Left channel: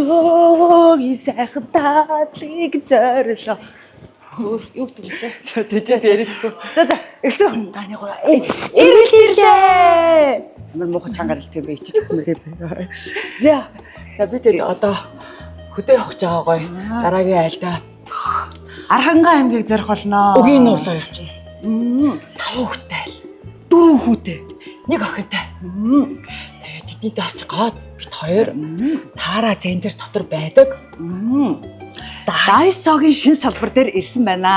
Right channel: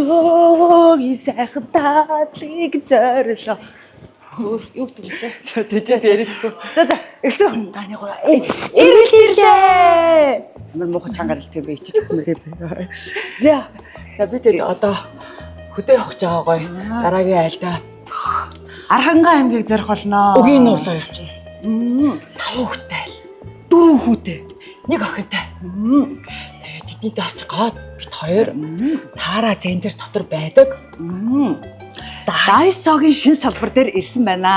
Өдөөгийн сайхан таалыг зориулаа. Юу гэдэг вэ? Тэжээд ярихгүй. За эхлэн таны гоо Ирлээ. Амар муухай чангаар хэлдэг юм бэ? Ичиж өгмөрөө. За Би тэр одоо хөдөө явах гэж байгаа гоё. Дараагийн айлдаа Архангай аймгийг зорих болно. Өгийн нуурлаа явчихна. 5 хүүхэдтэй айл. 4 хүүтэй. 1 охинтой. Тэгээд тэднийдээ очих гоод бит хоёр таараа центр дотор байдаг. Дайсогийн шин салбар дээр ирсэн байна.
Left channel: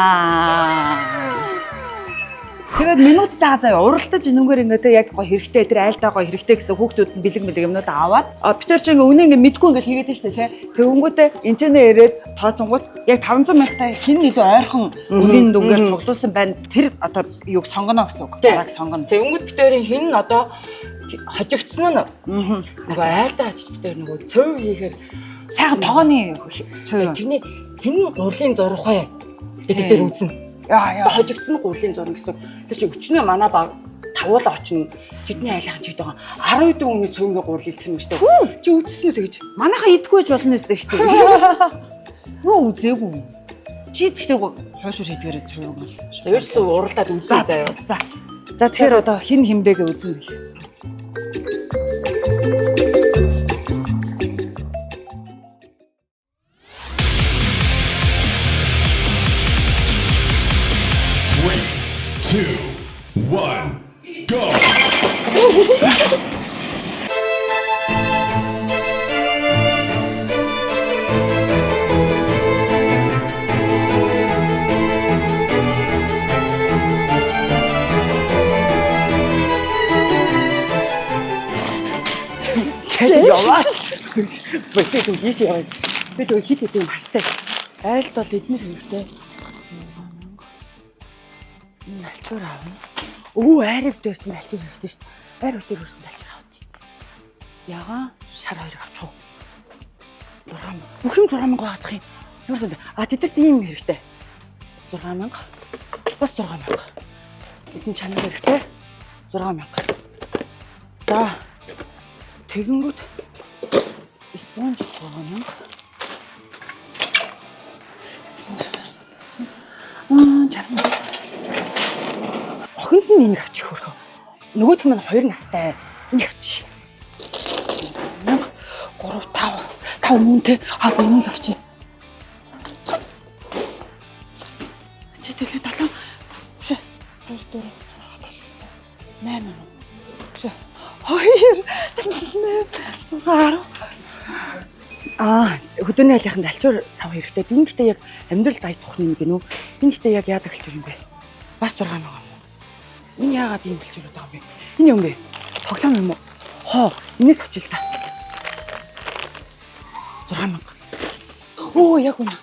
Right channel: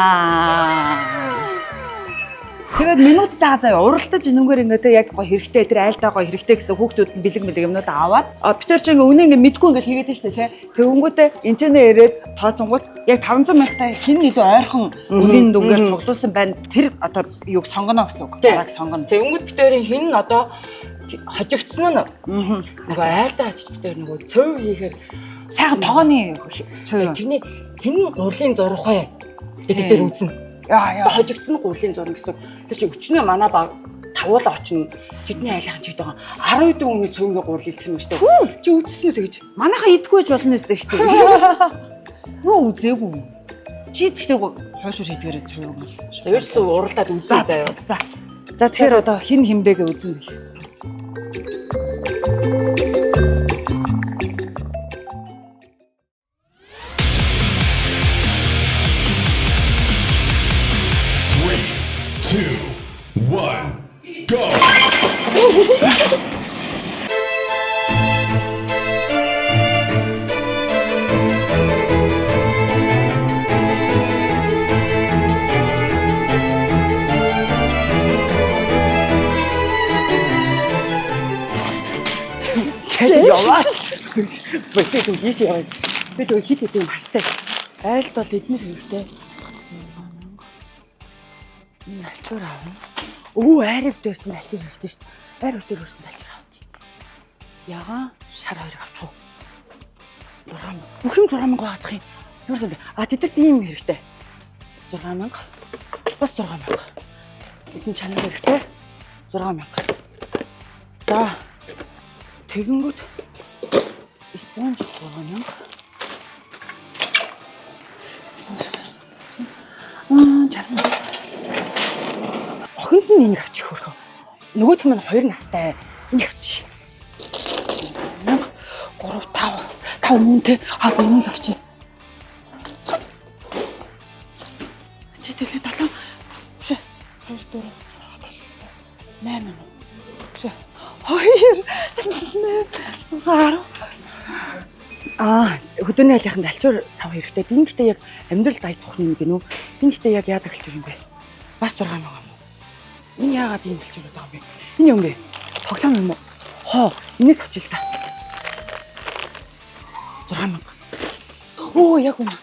Тэгээд минут заа уралдаж энэгээр ингээд яг гоё хэрэгтэй тэр айлдаа гоё хэрэгтэй гэсэн хүүхдүүд нь бэлэг юмнууд аваад бид нар ч ингээ үнэ ингээ мэдгүй ингээ хийгээд байна шүү дээ тий. Тэгэнгүүтээ энэчнээ ирээд тооцонгууд яг 500 мянган хин илүү ойрхон үгийн дүнгээр цуглуулсан байна. Тэр одоо юуг сонгоно гэсэн үг. Бараг сонгоно. Тэгэнгүүт битэрийн хин нь одоо хожигдсон нь нөгөө айлдаа очиж битэр нөгөө цөв хийхээр сайхан тогооны цөв. тэрний хин гурлын зурхай гэдэг дээр үзнэ. Яа хожигдсон гурлын зураг гэсэн. Тэр чи өчнөө манай баг тавуулаа очно. Тэдний айлхан чигтэй байгаа. 10 дэх үний цөөнгийн гурал илтгэх юм шүү дээ. Чи үзсэн үү тэгэж? Манайхаа идэггүй байж болно өстэй ихтэй. Юу үзээгүй. Чи тэгтээ хойшуур хийдгээрээ цовог бол. Ерөөсөө уралдаад үзээ заяа. За тэгэхээр одоо хин химбэгээ үзнэ гэх. Two, one, go! Чашаа яваа. Бэлээ дүү ийш яваа. Би дөө хит хит юм харстай. Айлд бол эднэр хэрэгтэй. Энэ алчуур аавна. Айрав дээр чинь алчуур хэрэгтэй шүү дээ. Айрав дээр үрсэн алчуур аавна. Ягаа шар хоёрыг авчих уу? 6,000. Бүх юм 6,000 гаадах юм. Юусэн бэ? Тэдэрт ийм хэрэгтэй. 6,000. Бас 6,000. Эдний чанар хэрэгтэй. 6,000. За. Тэгэнгүүт спонж 6,000. Чарна. Охинд нь энийг авчих хөрхөө. Нөгөөх нь 2 настай. Энийг авчих. 3 5 мөнтэй энийг авчих. Чи төлөө 7 2 4 8 мөн. 2 Хөдөөний айлынханд алчуур сав хэрэгтэй. Би гэхдээ яг амьдрал дай тухны юм гинүү. Би гэхдээ яг яадаг алчуур юм бэ? Бас 6,000 юм уу? Энэ яагаад ийм алчуур байгаа юм бэ? Энэ юм бэ? Тоглоом юм уу? Энэс очил та. 6,000. Яг үнэ.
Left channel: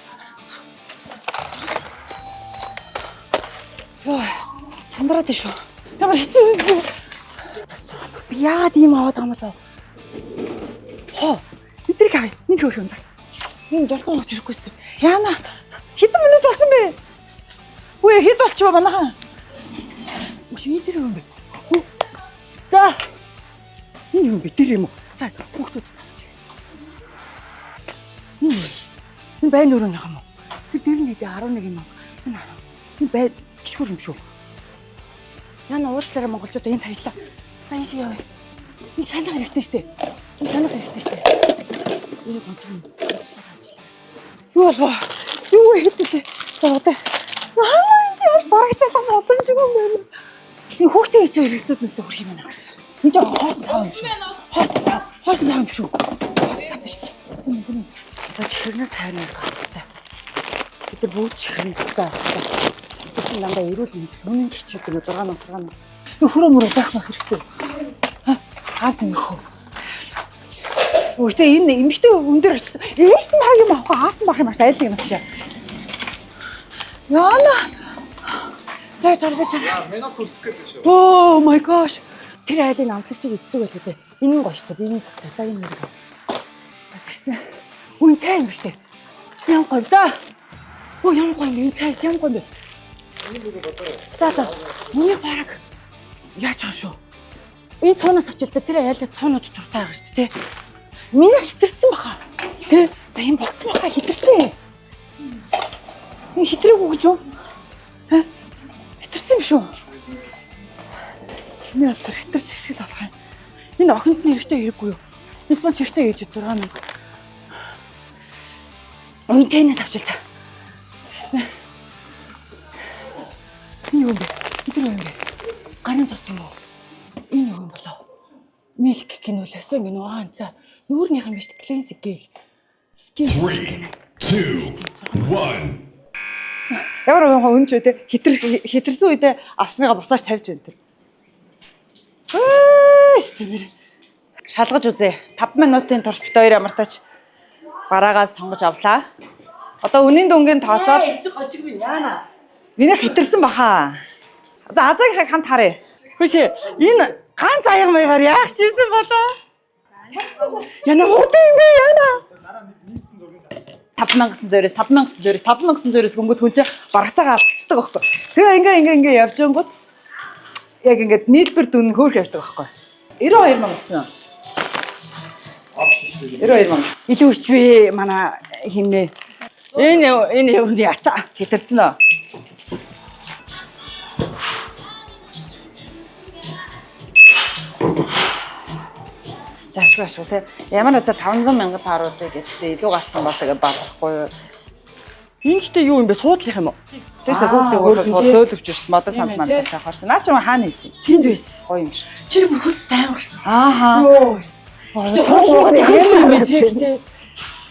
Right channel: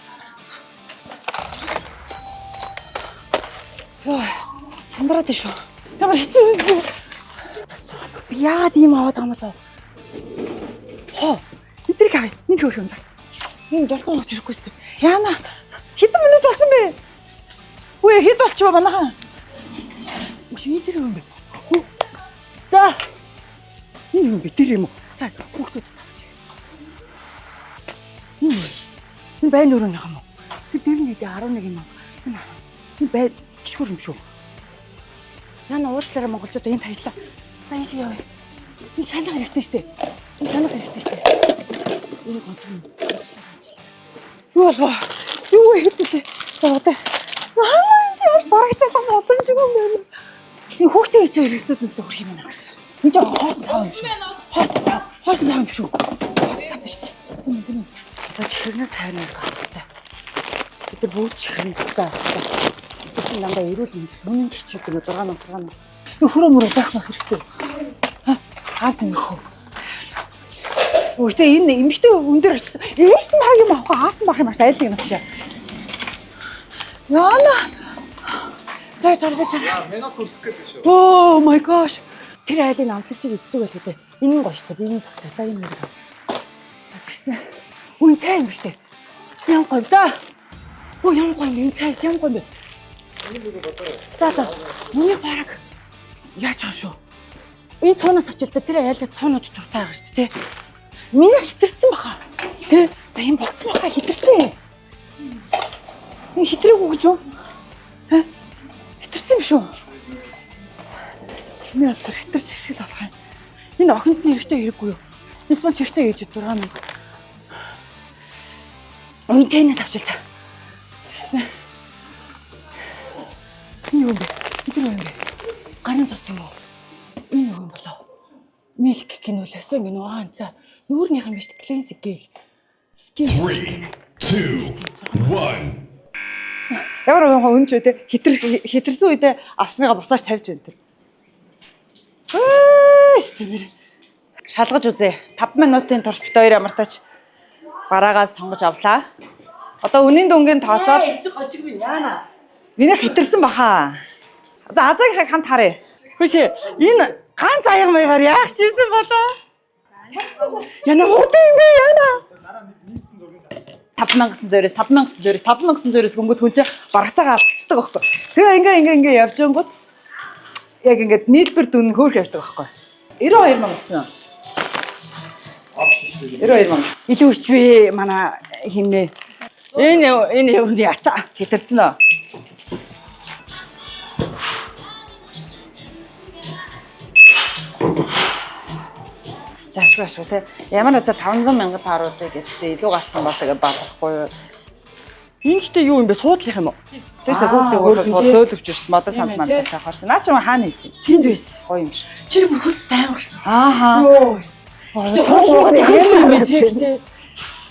Сандраад шүү. Ямар хэцүү юм бэ? Би яагаад ийм аваад байгаа юм болоо? Эдрийг авъя. Нэг хөөрхөн бас. Энэ дурсан хоц ирэхгүй шүү. Яана хэдэн минут болсон бэ? Үгүй хэд болчихоо манайхаа. Эдэр юм бэ? За. Энэ юм бэ? Тэр юм уу? За хүүхдүүд тавч. Энэ байн өрөөнийх юм уу? Тэр дээр нь 11 юм аа. Энэ бай гişгүр юм шүү. Яна уучлаарай монголчууд энэ таялаа. За энэ шиг явъя. Энэ шалга хэрэгтэй шүү дээ. Энэ шалга хэрэгтэй шүү дээ. Энэ гонцгон ажиллаа. Юу болов? Юу хэвдэлээ. За одоо. Энэ чи яар бараг цалсан боломжгүй юм байна. Энэ хүүхдээ хийж байгаа хэрэгслүүднээс хүрх юм байна. Энэ жоо хос сав юм шүү. Хос сав юм шүү. Хос сав биш. Тийм. Одоо чихэрнээс хайрна гахтай. Бид нар бүгд чихэрнээ гахтай. Тэр намдаа эрүүл үнэн чичиг гэнэ 6,000. Хөрөө мөрөө байх хэрэгтэй. Хаад нэг хөө. Үгүй энэ эмэгтэй өндөр очсон. Ээж нь баг юм авах аав нь баг юм ааш айлын юм очив. Яна. За чарга. Менот үлдэх гэдэг шүү. Oh my gosh. Тэр айлын амтлагчийг иддэг байлгүй дээ. Энэ нь гоё штэ. Би энэ туртай. За энэ нэр. Тэгснэ. Үн цай юм штэ. Ян гоё да. Ян гоё энэ цай ян гоё. За. Миний бараг яаж байгаа шүү. Энэ цуунаас очил та тэр айлын цуунууд туртай байгаа шүү дээ. Миний хитэрсэн баха. Тэ? За юм болцсон байхаа хитэрсэн. Энэ хитрээгүй гэж юу? Ха? Хитэрсэн юм шүү. Хинээ бодлоор хитэрч шиг л болох юм. Энэ охинд нь эрэхтэй хэрэггүй юу? Энэ спонс эрэхтэй ээж 6,000. Үнэтэй тавчил та. Энэ юу бэ? Энэ юу бэ? Гарын тос юм уу? Энэ юу юм болоо? Milk гинүүлээсээ гинөө хаанцаа. Нүүрнийхэн биш клинсик гээл. 3, 2, 1. Ямар өнч үү те хитэрсэн үедээ авсныгаа босааж тавьж байна те. Стэнэр. Шалгаж үзье. 5 минутын турш бит хоёр ямартаач бараагаас сонгож авлаа. Одоо үнийн дүнгийн тооцоод гожиг минь яана. миний хитэрсэн баха. За азаг хамт харъя. Хөөе. Энэ ганц аяга маягаар яах чийсэн болоо? Яна муутай юм бэ яна? 5,900-өөс гүнгүүд хүн чинь баргацаагаа алдчихдаг байхгүй. Тэгээ ингээ явж ангууд яг ингээд нийлбэр дүн хөөх явдаг байхгүй. 92 мянга гэсэн. 92 мянга. Илүү өчвээ манай хиннэ. Энэ юуны яцаа Хитэрсэн үү? Заашгүй те. Ямар назар 500 мянга тааруудыг гэсэн илүү гарсан бол тэгээ баахгүй юу? энэ ч юу юм бэ? Суудлах юм уу? Тэрс хүүхдээ өөрөө зөөлөвч шүү дээ. Модон санд манд тавихаар. Наа чи хаана хийсэн? Тэнд байсан. Гоё юм шиг. Чи бүр хөс тайван гарсан. Ааха. Суугаад яасан бэ те?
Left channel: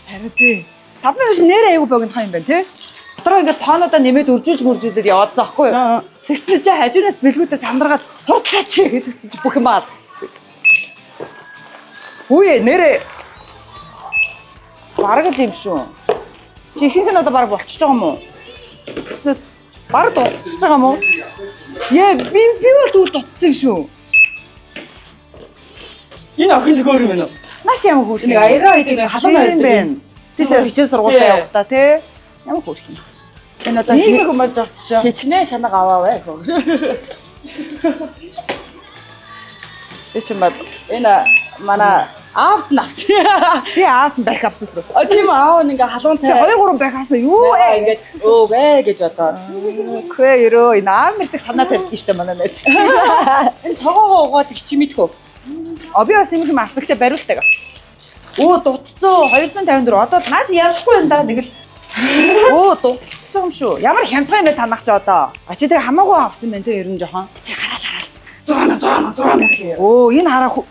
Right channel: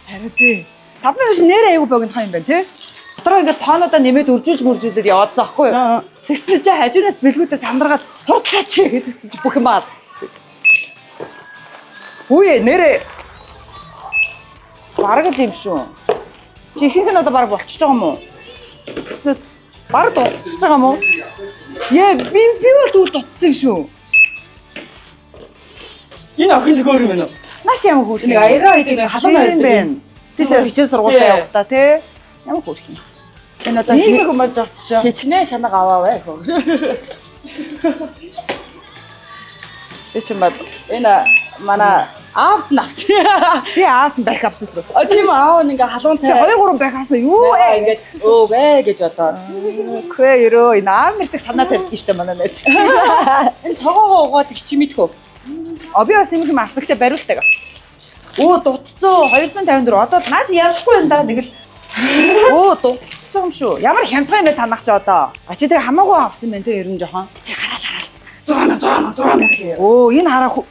Харин тий. 5 минут нэрээ аягүй богинохан юм байна тий. Дотроо ингээд тоонуудаа нэмээд үржүүлж мөржүүлээд яваадсан аахгүй юу? Тэгсэн чи хажуунаас бэлгүүдээ сандаргаад хурцаач гэдгсэн чи бүх юм алдчихдаг. Үе нэрээ бараг л юм шүү. Чи ихэнх нь одоо бараг болчихж байгаа юм уу? Тэснэ бараг дуусчихж байгаа юм уу? Би бол түр дутсан юм шүү. Энэ охин төгөр юм байна уу? Наа чи ямар хөөрх юм? Нэг аягаа идэг халуун юм байна. Тэснэ хичээл сургуультай явах та тий. Ямар хөөрх юм? Энэ одоо ийм их юмж очиж. хичнээн шанаг аваа бай хөө. Би ч юм бод. Энэ манай аавд нь авсан. Би аавд нь бах авсан шүү. А тийм аав нь ингээ халуун цай. 2 3 бах авсан юу вэ? Ингээд өө вэ гэж бодоод. Хөө ерөө энэ аав нэртэг санаа тавьж штэ манай найз. Энэ цогоогоо угаад их чимэдхөө. Би бас юм хэм авсагтай бариултаг авсан. Өө дутцсан 254. Одоо наач явахгүй юм да нэг л. Өө дутчихж байгаа юм шүү. Ямар хямдхан юм бэ танах чи одоо? А чи тэгээ хамаагүй авсан байх те ер нь жоохон. Тэг хараал. Дурана. Өө энэ хараа.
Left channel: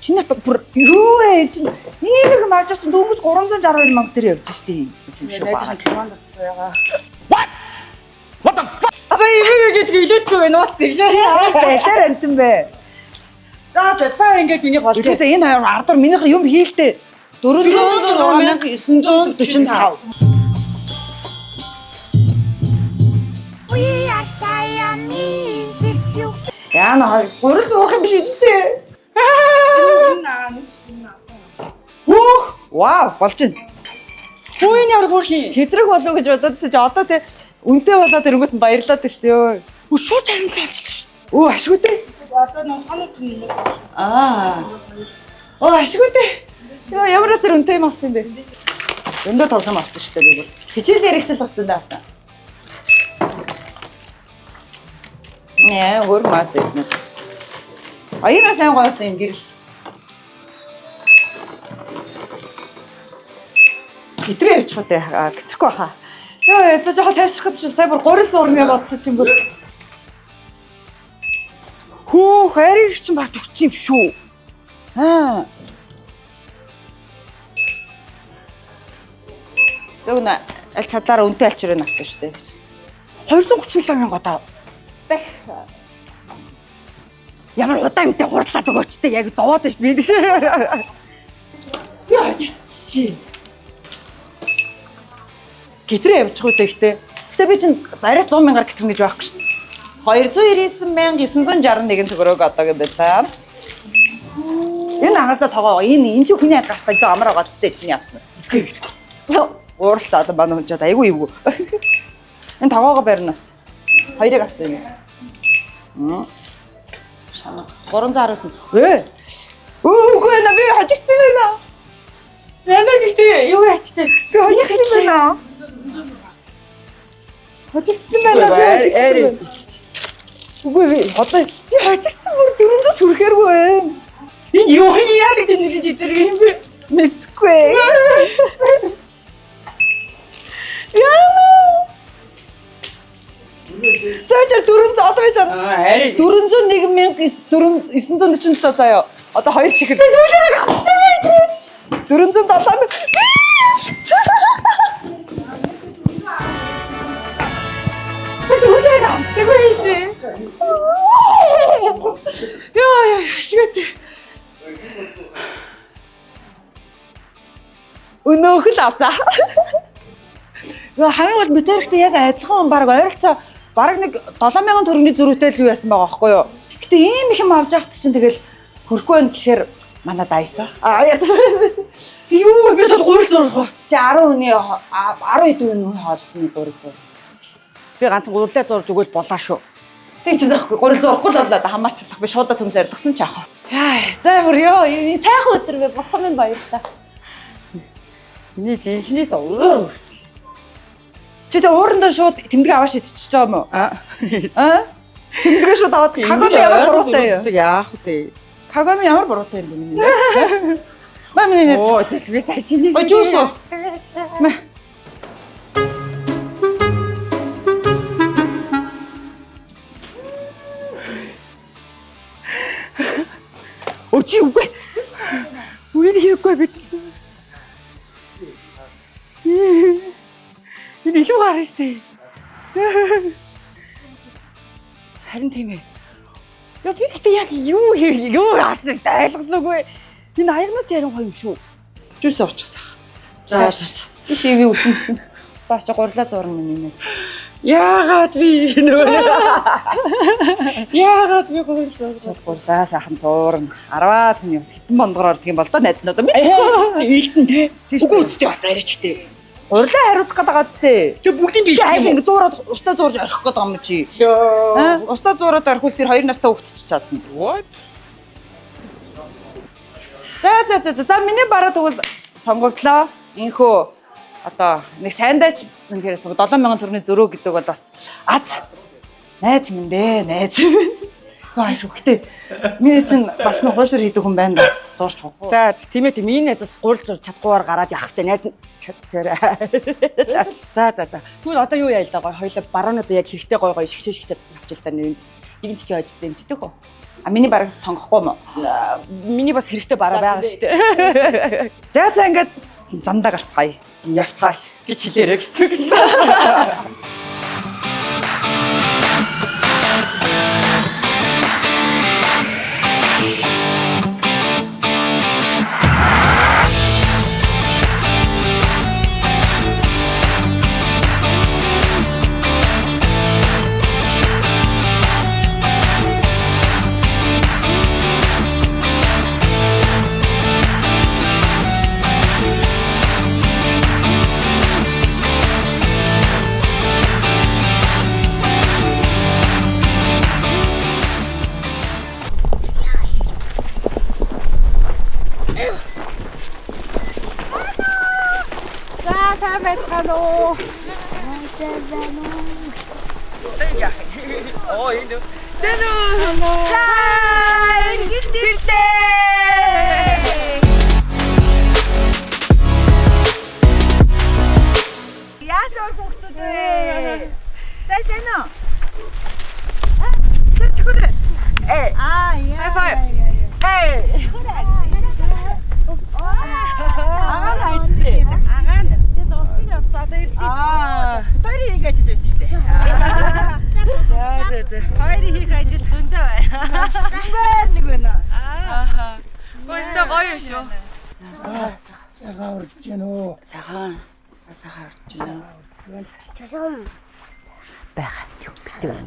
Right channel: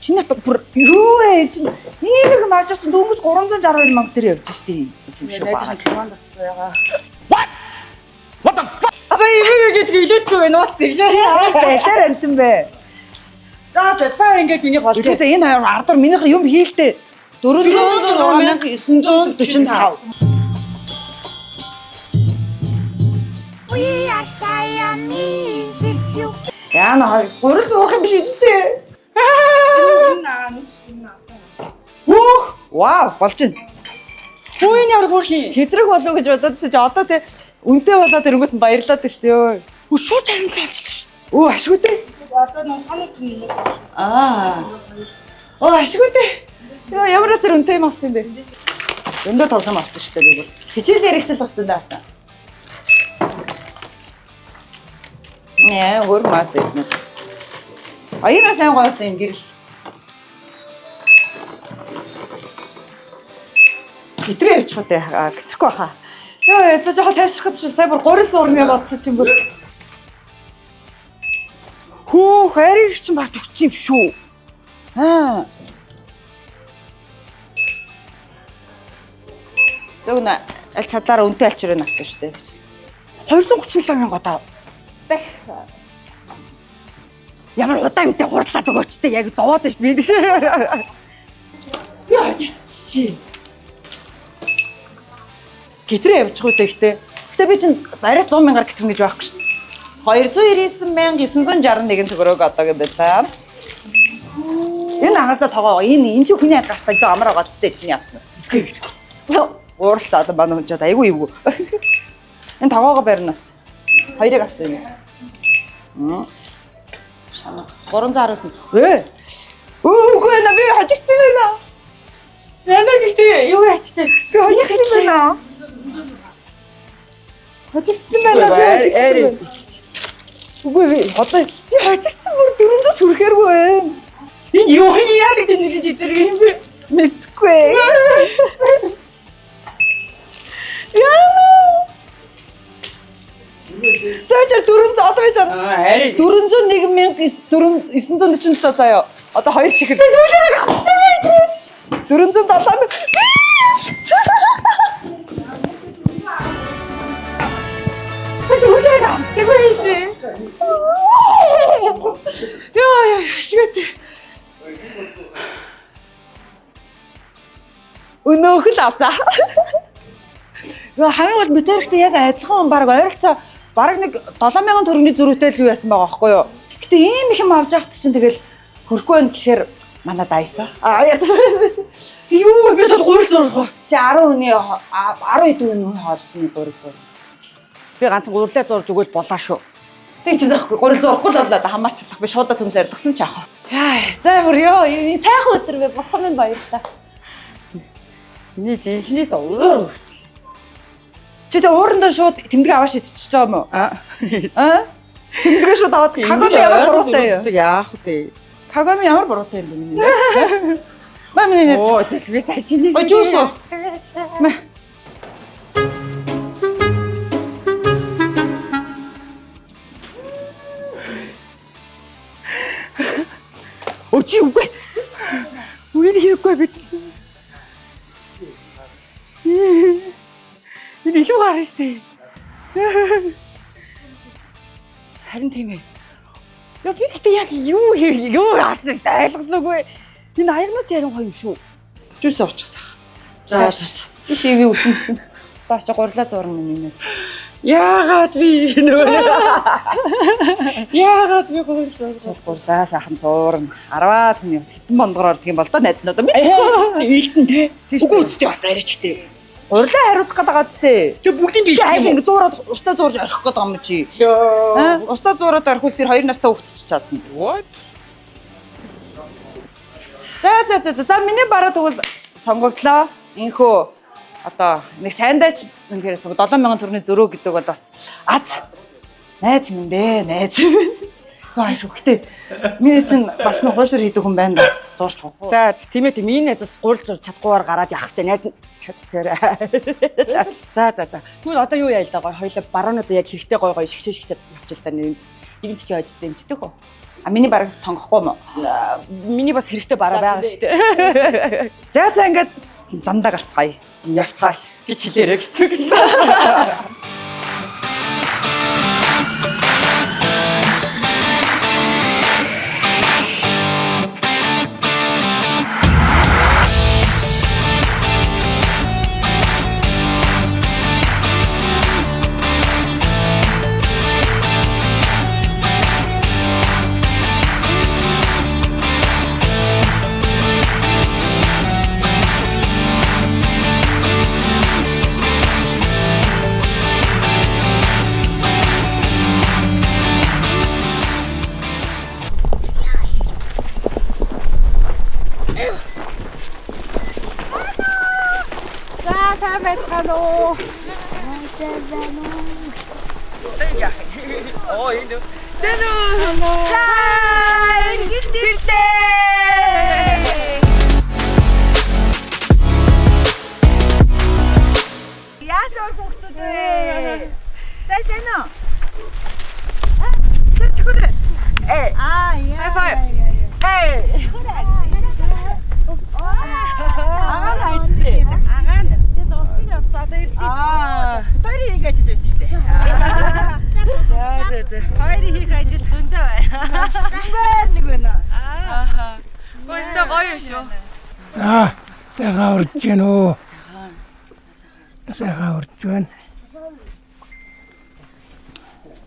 Чиний бүр юу ээ чи ийм их маажч дөнгөж 362 мянга төр явж штий. Юм шүү баа. Команд байгаа. What the fuck? Аа юу гэж илүүч юу вэ? Нууц гэж. Бэлэр антэн бэ. За ингээд миний болж. Тэгээд энэ хоёр ардор минийх юм хийлдэ. 406,945. We are Siamese if you Яна хоёр гурил зуух юм биш үстэй. Вау, болж байна. Хөөний ямар хөөрхий. Хэдрэг болов гэж бододсон чи одоо тэ үнтэй болоод ирэнгүүт нь баярлаад байна шүү дээ. Өө шууд харимтлаа болчихлоо шүү. Өө ашигүйтэй. Одоо нэг ханууд юм. Ашигүйтэй. Яа ямар зэрэг үнтэй юм авсан бэ? Өндөө тоглоом авсан шүү дээ би бүр. Хичээл ярихсэл бас зөндөө авсан. Нэ өөр мас дэвнэ. Аяна сайн гоёсон юм гэрэл. Итрээ явчих уу те гитрэхгүй баха. Йоо за жоохон тавьчих гэж сая бүр 300 мянга бодсон чинь бүр. Хөө хайрыг чинь баг төгссөн юм шүү. Яг нэ аль чадлаараа үнтэй алчрыг авсан шүү дээ. 237 мянга одоо. Бэх. Ямар удаан юмтай хурдлаад өгөөч те яг доод биш би гэж. Яа чи. Гитрээ явчих уу гэхдээ. Гэхдээ би чинь зарай 100 мянгаар гитрэн гэж байхгүй шүү дээ. 299,961 төгрөг одоо гэдэг та. Энэ агаасаа тоогоо. Энэ чи хүний гартаа жоо амар байгаа зү чинь явснаас. Ууралцаа одоо манай хүн чад айгүй ивгүй. Энэ тоогоогоо барьнаас. Хоёрыг авсан юм. Шана 319. Үгүй нэ би хожигдсан байна. Яна гэхдээ юу ячиж Би хожигдсан байна. Хожигдсан байна. Би хожигдсан байна. Үгүй би одоо би хожигдсан бүр 400 хүрэхэргүй байна. энэ юу яадаг гэдэг юм бэ? Мэдгүй. Тэвчэр 400 одоо байж байгаа. Арай 401,947 заяа. Одоо 2 чихэр. 407 Үгүй амтдаг шээ. Яа шигэт. Өнөөхөл авцаа. Яа хамгийн гол метриктэй яг адилхан баг ойролцоо баг нэг 7000 төгрөгийн зөрүүтэй л юу яасан байгаа байхгүй юу. Гэтэ ийм их юм авч яхад чинь тэгэл хөрөхгүй байх гэхээр манай дайсаа. Юу би бол гурил зурх. Чи 10 хүний 10 дүүний хоолны гурил зур. Би ганцхан гурлаа зурж өгөөл болоо шүү. Тэг чи захгүй гурил зурхгүй л болоо хамаач чадах би шуудаа төмс арилгасан ч яах вэ. Яа за хөрё энэ сайхан өдөр бэ болох юм баярлалаа. Миний жинхнээс өөр үрчлээ. Чи тэ уурандаа шууд тэмдэг аваад идчихэж байгаа юм уу? Аа? Тэмдэгэ шууд аваад кагоми ямар буруутай юу? Яах вэ? Кагоми ямар буруутай юм бэ миний найз? Ба миний найз. Оо тэгэл би цаа чиний. Жуус уу? Өчи үгүй. Үнийг хийхгүй бид. Энэ илүү гарна штэ. Харин тийм ээ. Яа би ихтэй яг юу яасан штэ ойлгосноогүй. Энэ аягнууд ярин гоё юм шүү. Жуус уучихсан. За. Би шиви үсэмсэн. Одоо чи гурлаа зурна миний найз. Яагаад би Яагаад би гурлаа. Чад гурлаа сайхан зурна. 10-аад хүний бас хитэн бондгоор ордог юм бол доо найзнуудаа мэд. Ийхтэн те. Тийш Үгүй үү? үстэй бас арайчтэй. Гурлаа хариуцах гэдэг байгаа зү. Тэг бүгдийн Би хайш бий. ингэ зуураад устаа зуурж орхих гэдэг юм чи. Йоо. Устаа зуураад орхивол тэр 2 настай хөвгтч чадна. What? За миний бараа тэгвэл сонгогдлоо. Инхөө одоо нэг сайндаач ингээрээс 7000 төгрөгийн зөрөө гэдэг бол бас аз найз минь дээ найз. Яа шүү гэтээ миний чинь бас нэг хуушир хийдэг хүн байна бас зурч хоо. За тийм ээ тийм энэ найзаас гурил зур чадгуугаар гараад явах те найз чадтаарай. За. Тэгвэл одоо юу яа л да гоё хоёлаа баруунуудаа яг хэрэгтэй гоё шигшээ явчих л да нэг нь чи хойж дэмждэг үү? А миний бараг сонгохгүй юм уу? Миний бас хэрэгтэй бараа байгаа шүү дээ. За ингээд замдаа гарцгаая. Явцгаая гэж хэлээрэй гэсэн гэсэн. Оо энэ. Тэно. Хай, гитэртэй. Яасаар хүүхдүүд вэ? Тэшэн үү? Тэр чигүр. Эй. Яа. Эй. Агаа найдтэй. Агаа нь. Тэд осын явцаад ирж байна. Хоёрын хийх ажил байсан шүү дээ. За. Хоёрын хийх ажил зөндөө байна. Зүгээр нэг байна. Ааха. Гойстой гоё шүү. За, сайхан урж гин үү? Сайхан. Сайхан урж байна. Бага юу битүү юм.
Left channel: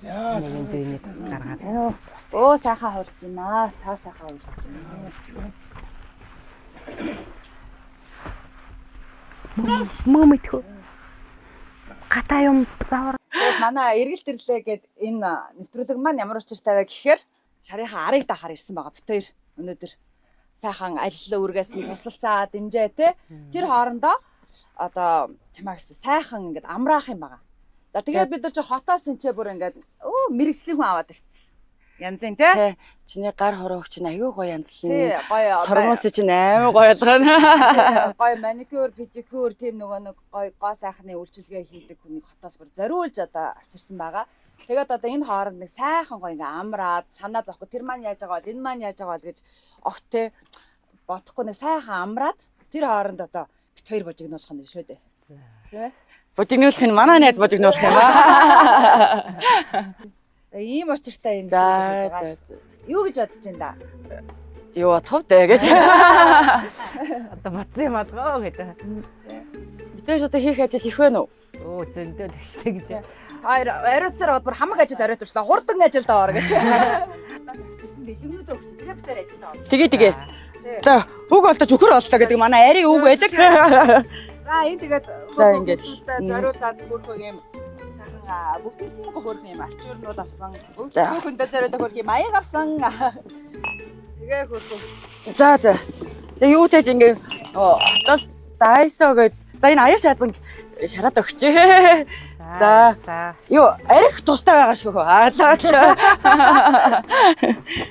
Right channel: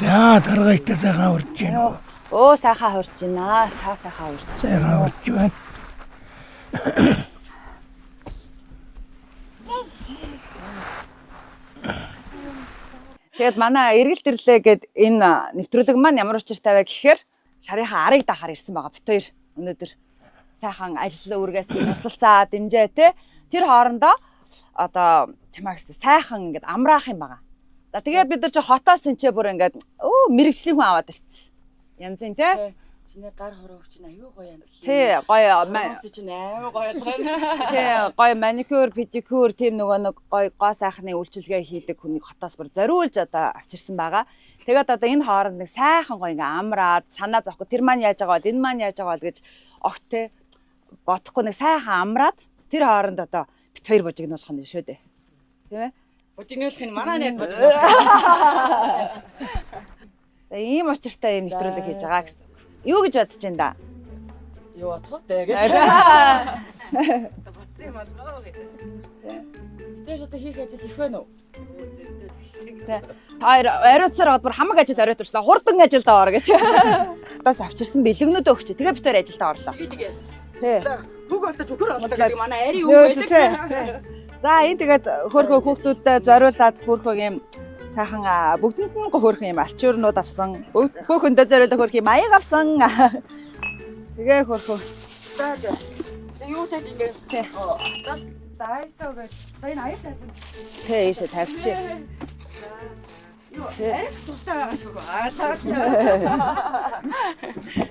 За, таргайтай сайхан урж гин үү? Оо сайхан хурж байна. Та сайхан хурж. Сайхан урж байна. Гата юм заавар. Тэгээд манай эргэлт ирлээ гэд энэ нэвтрүүлэг маань ямар учиртай вэ гэхээр шарынхаа арыг дахаар ирсэн байгаа бит хоёр өнөөдөр сайхан ажил үргээс туслалцаа дэмжээ те тэр хоорондоо одоо чамаагс сайхан ингээд амраах юм байгаа. За тэгээд бид нар чи хотоос энэ бүр ингээд мэрэгжлийн хүн аваад ирсэн. Янзын те Чиний гар хорооч чинь аюу гоё янзлаа. тий гоё Сормоос чинь амар гоё ялгаа. гоё маникюр, педикюр тийм нэг гоё гоо сайхны үйлчилгээ хийдэг хүнийг хотоос бүр зориулж одоо авчирсан байгаа. Тэгээд одоо энэ хооронд нэг сайхан гоё ингээ амраад санаа зовхгүй тэр маань яаж байгаа бол энэ маань яаж байгаа бол гэж огтээ бодохгүй нэг сайхан амраад тэр хооронд одоо бит хоёр божигнуулах нь шүү дээ. Тий? Божигнуулах нь манай найз божигнуулах. Ийм учиртай юм хэлдэг гэж байгаа. Юу гэж бодож байна да? Юу бодох вэ гэж. Одоо бодсон юм аа гэж. Тэтэйс одоо хийх ажил их байна уу? Оо зөндөө тэгшиг гэж. Хоёр ариуцаар бүр хамаг ажил ороод ирсэн. Хурдан ажилд ороо гэж. Хотоос авчирсан бэлгэнүүдээ өгч. Тэгээ бид хоёр ажилд орлоо. Тэгээ. За бүг олдож өхөр оллоо гэдэг манай ари үг байдаг. За энэ тэгээд хөөхөө хүүхдүүдтэй зориулаад хүрхөг юм сайхан бүгдэнд нь хөөрх юм алчуурнууд авсан. Хүүхэндээ зориулаад хөрх юм аяг авсан. Тэгээ хөрхөг. За. Тэгээ юу тааж ингээ хотоос дайсоо гэж. За энэ аяг шаазан шатаад өгч. За. Юу арих тустай байгаа шүү.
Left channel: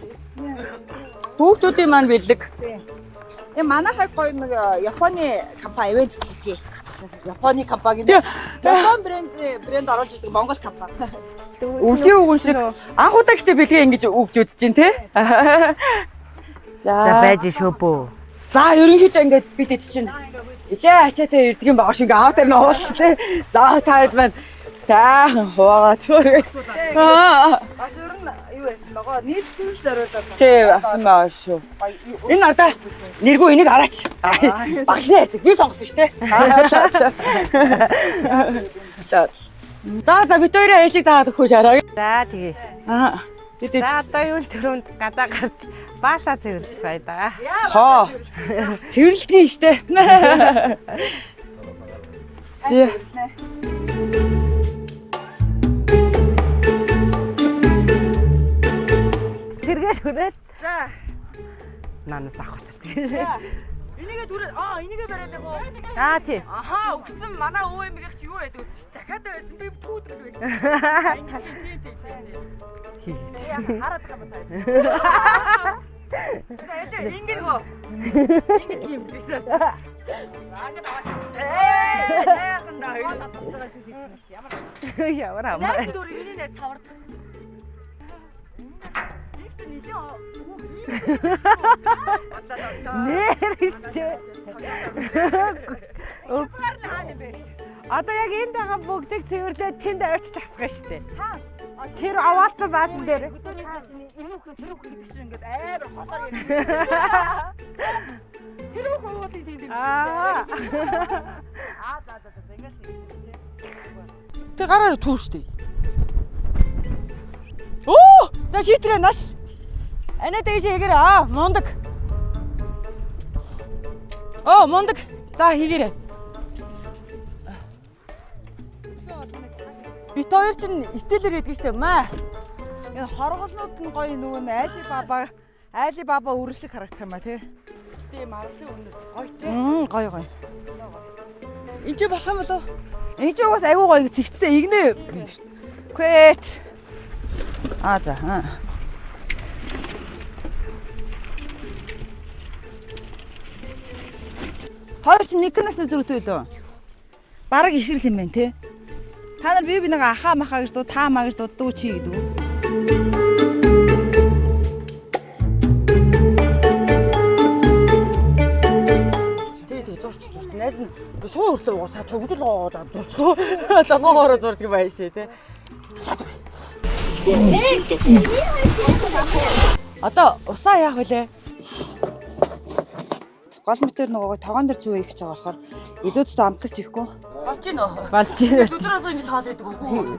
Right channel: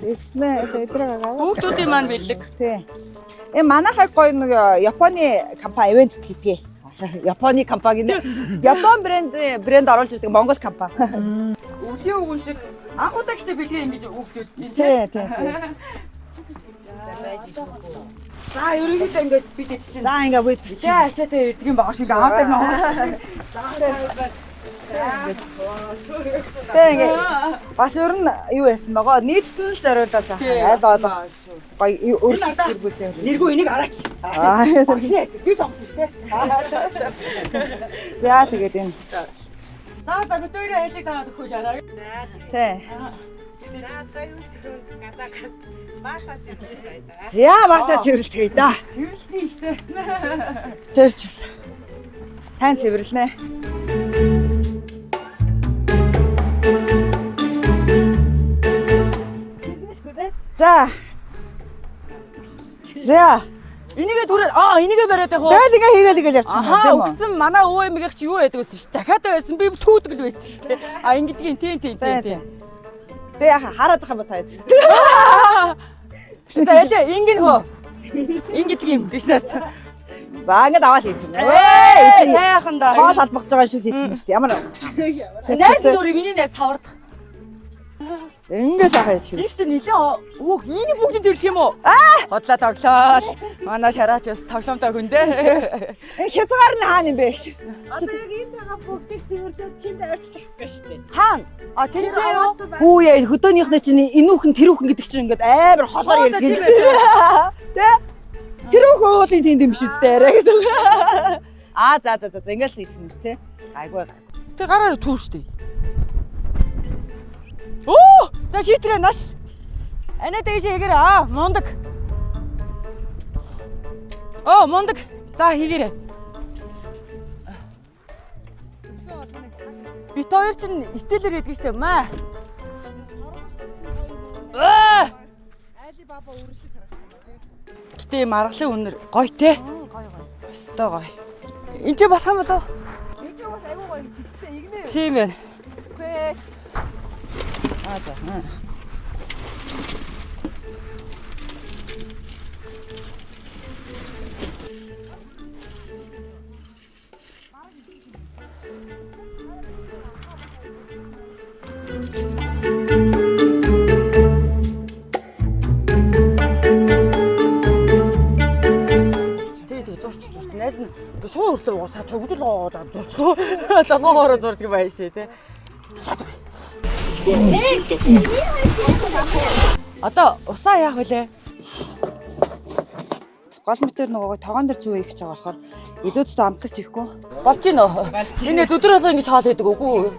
Эцнээ тэдрээ. Хүүхдүүдийн маань бэлэг. Тий. Манайхаа гоё нэг Японы компани ивент хийгээ. Японы компани. Япон брэнд оруулж ирдэг Монгол компани. Өвлийн үгэн шиг анх удаа гэхдээ бэлгээ ингэж өгж үзэж байна те. За байж шүү бөө. За ерөнхийдөө ингээд бид ид чинь. За ингээ бид Ичээ ачаатай ирдэг юм байгаа шиг аав дээр нь оруулсан те. За таад байна. Сайхан хуваагаа төрөж. ингээ бас өөр нь юу яасан байгаа? Нийтлэл зориулаад Аа шүү. Энэ надаа нэргүй энийг араач. Багшны ярьдаг. Би сонгосон шүү те. За тэгээд энэ. За бид хоёрын ажлыг заагаад өгөх шараа. За тэгээ. Бид За одоо юу төрөнд гадаа гарч баасаа цэвэрлэх байдаа. За баасаа цэвэрлцгээе да. цэвэрлэхний штэ. Тэрчээс. Сайн цэвэрлэнэ. Тэргээд хүрээд За. манаас авах. За. Энийгээ түрээд энийгээ бариад яг. Тэгэл ингээ хийгээд игээд явчихсан. Ахаа өгсөн манай өвөө эмгэгч юу байдаг вэ? Дахиад байсан би түүдэг л байсан шүү дээ. Ингэдгийн тийм. Тэг хараад байгаа юм таа. За ингэнгөө. Ингэдгийн биш нэ. За ингээд аваад хийсэн. Яахан да. Хоол албах байгаа шүү хийчихсэн шүү дээ. Ямар. Найз нүрийг миний найз савардаг. Ингээд сайхан хийчихсэн. Ийштэй нилээ энэ бүгд ирэх юм уу? Бодлоо тоглоо. Манай шараач бас тоглоомтой хүн дээ. Хязгаар нь хаана юм бэ? Одоо яг энд байгаа бүгдийг цэвэрлээд тэнд авчиж асах шүү дээ. Хаана? Тэр аваасан байна. Хүү яа хөдөөнийхнээ чинь энэ хүүхэн тэр хүүхэн гэдэг чинь ингээд амар холоор ярьж байна. Тэ? Тэр хүүхэн уулын тийм юм шиг дээ арай гэдэг. За ингээд л хийх юм шүү те. Айгуу. Тэг гараар түүш дээ. Оо! За шийтрээ наш. Анаа дэше хийгэрээ мундаг. Мундаг. За хийгэрээ. Бит хоёр чинь стелэр хийдэг штэ маа. Энэ хорголнууд нь гоё нөгөө айли баба үрэн шиг харагдах юм а тий. Гэтэ маргалын үнэр гоё те. Гоё. Өстой гоё. Энд чи болох юм болов? Энэ ч бас айгуу гоё зэгцтэй игнэ. Тийм ээ. Квэт. За. Хоёр ч нэг насны зүрхтэй лөө. Бараг ихэрл юм байна те. Та нар би нэг ахаа махаа гэж дуу таамаа гэж дуу чи гэдэг. Зурч найз нь шуу өрлөө уусаа төгдөл гоож зурцгоо долоогоороо зурдаг юм байна шээ те. Одоо усаа яах вүлээ? Гол мэтэр нөгөө тогоон дээр цүү их гэж байгаа болохоор илүү зөв амтлагч ихгүй. Болж гинөө. Энэ өдөр болго ингэж хоол хийдэг үгүй.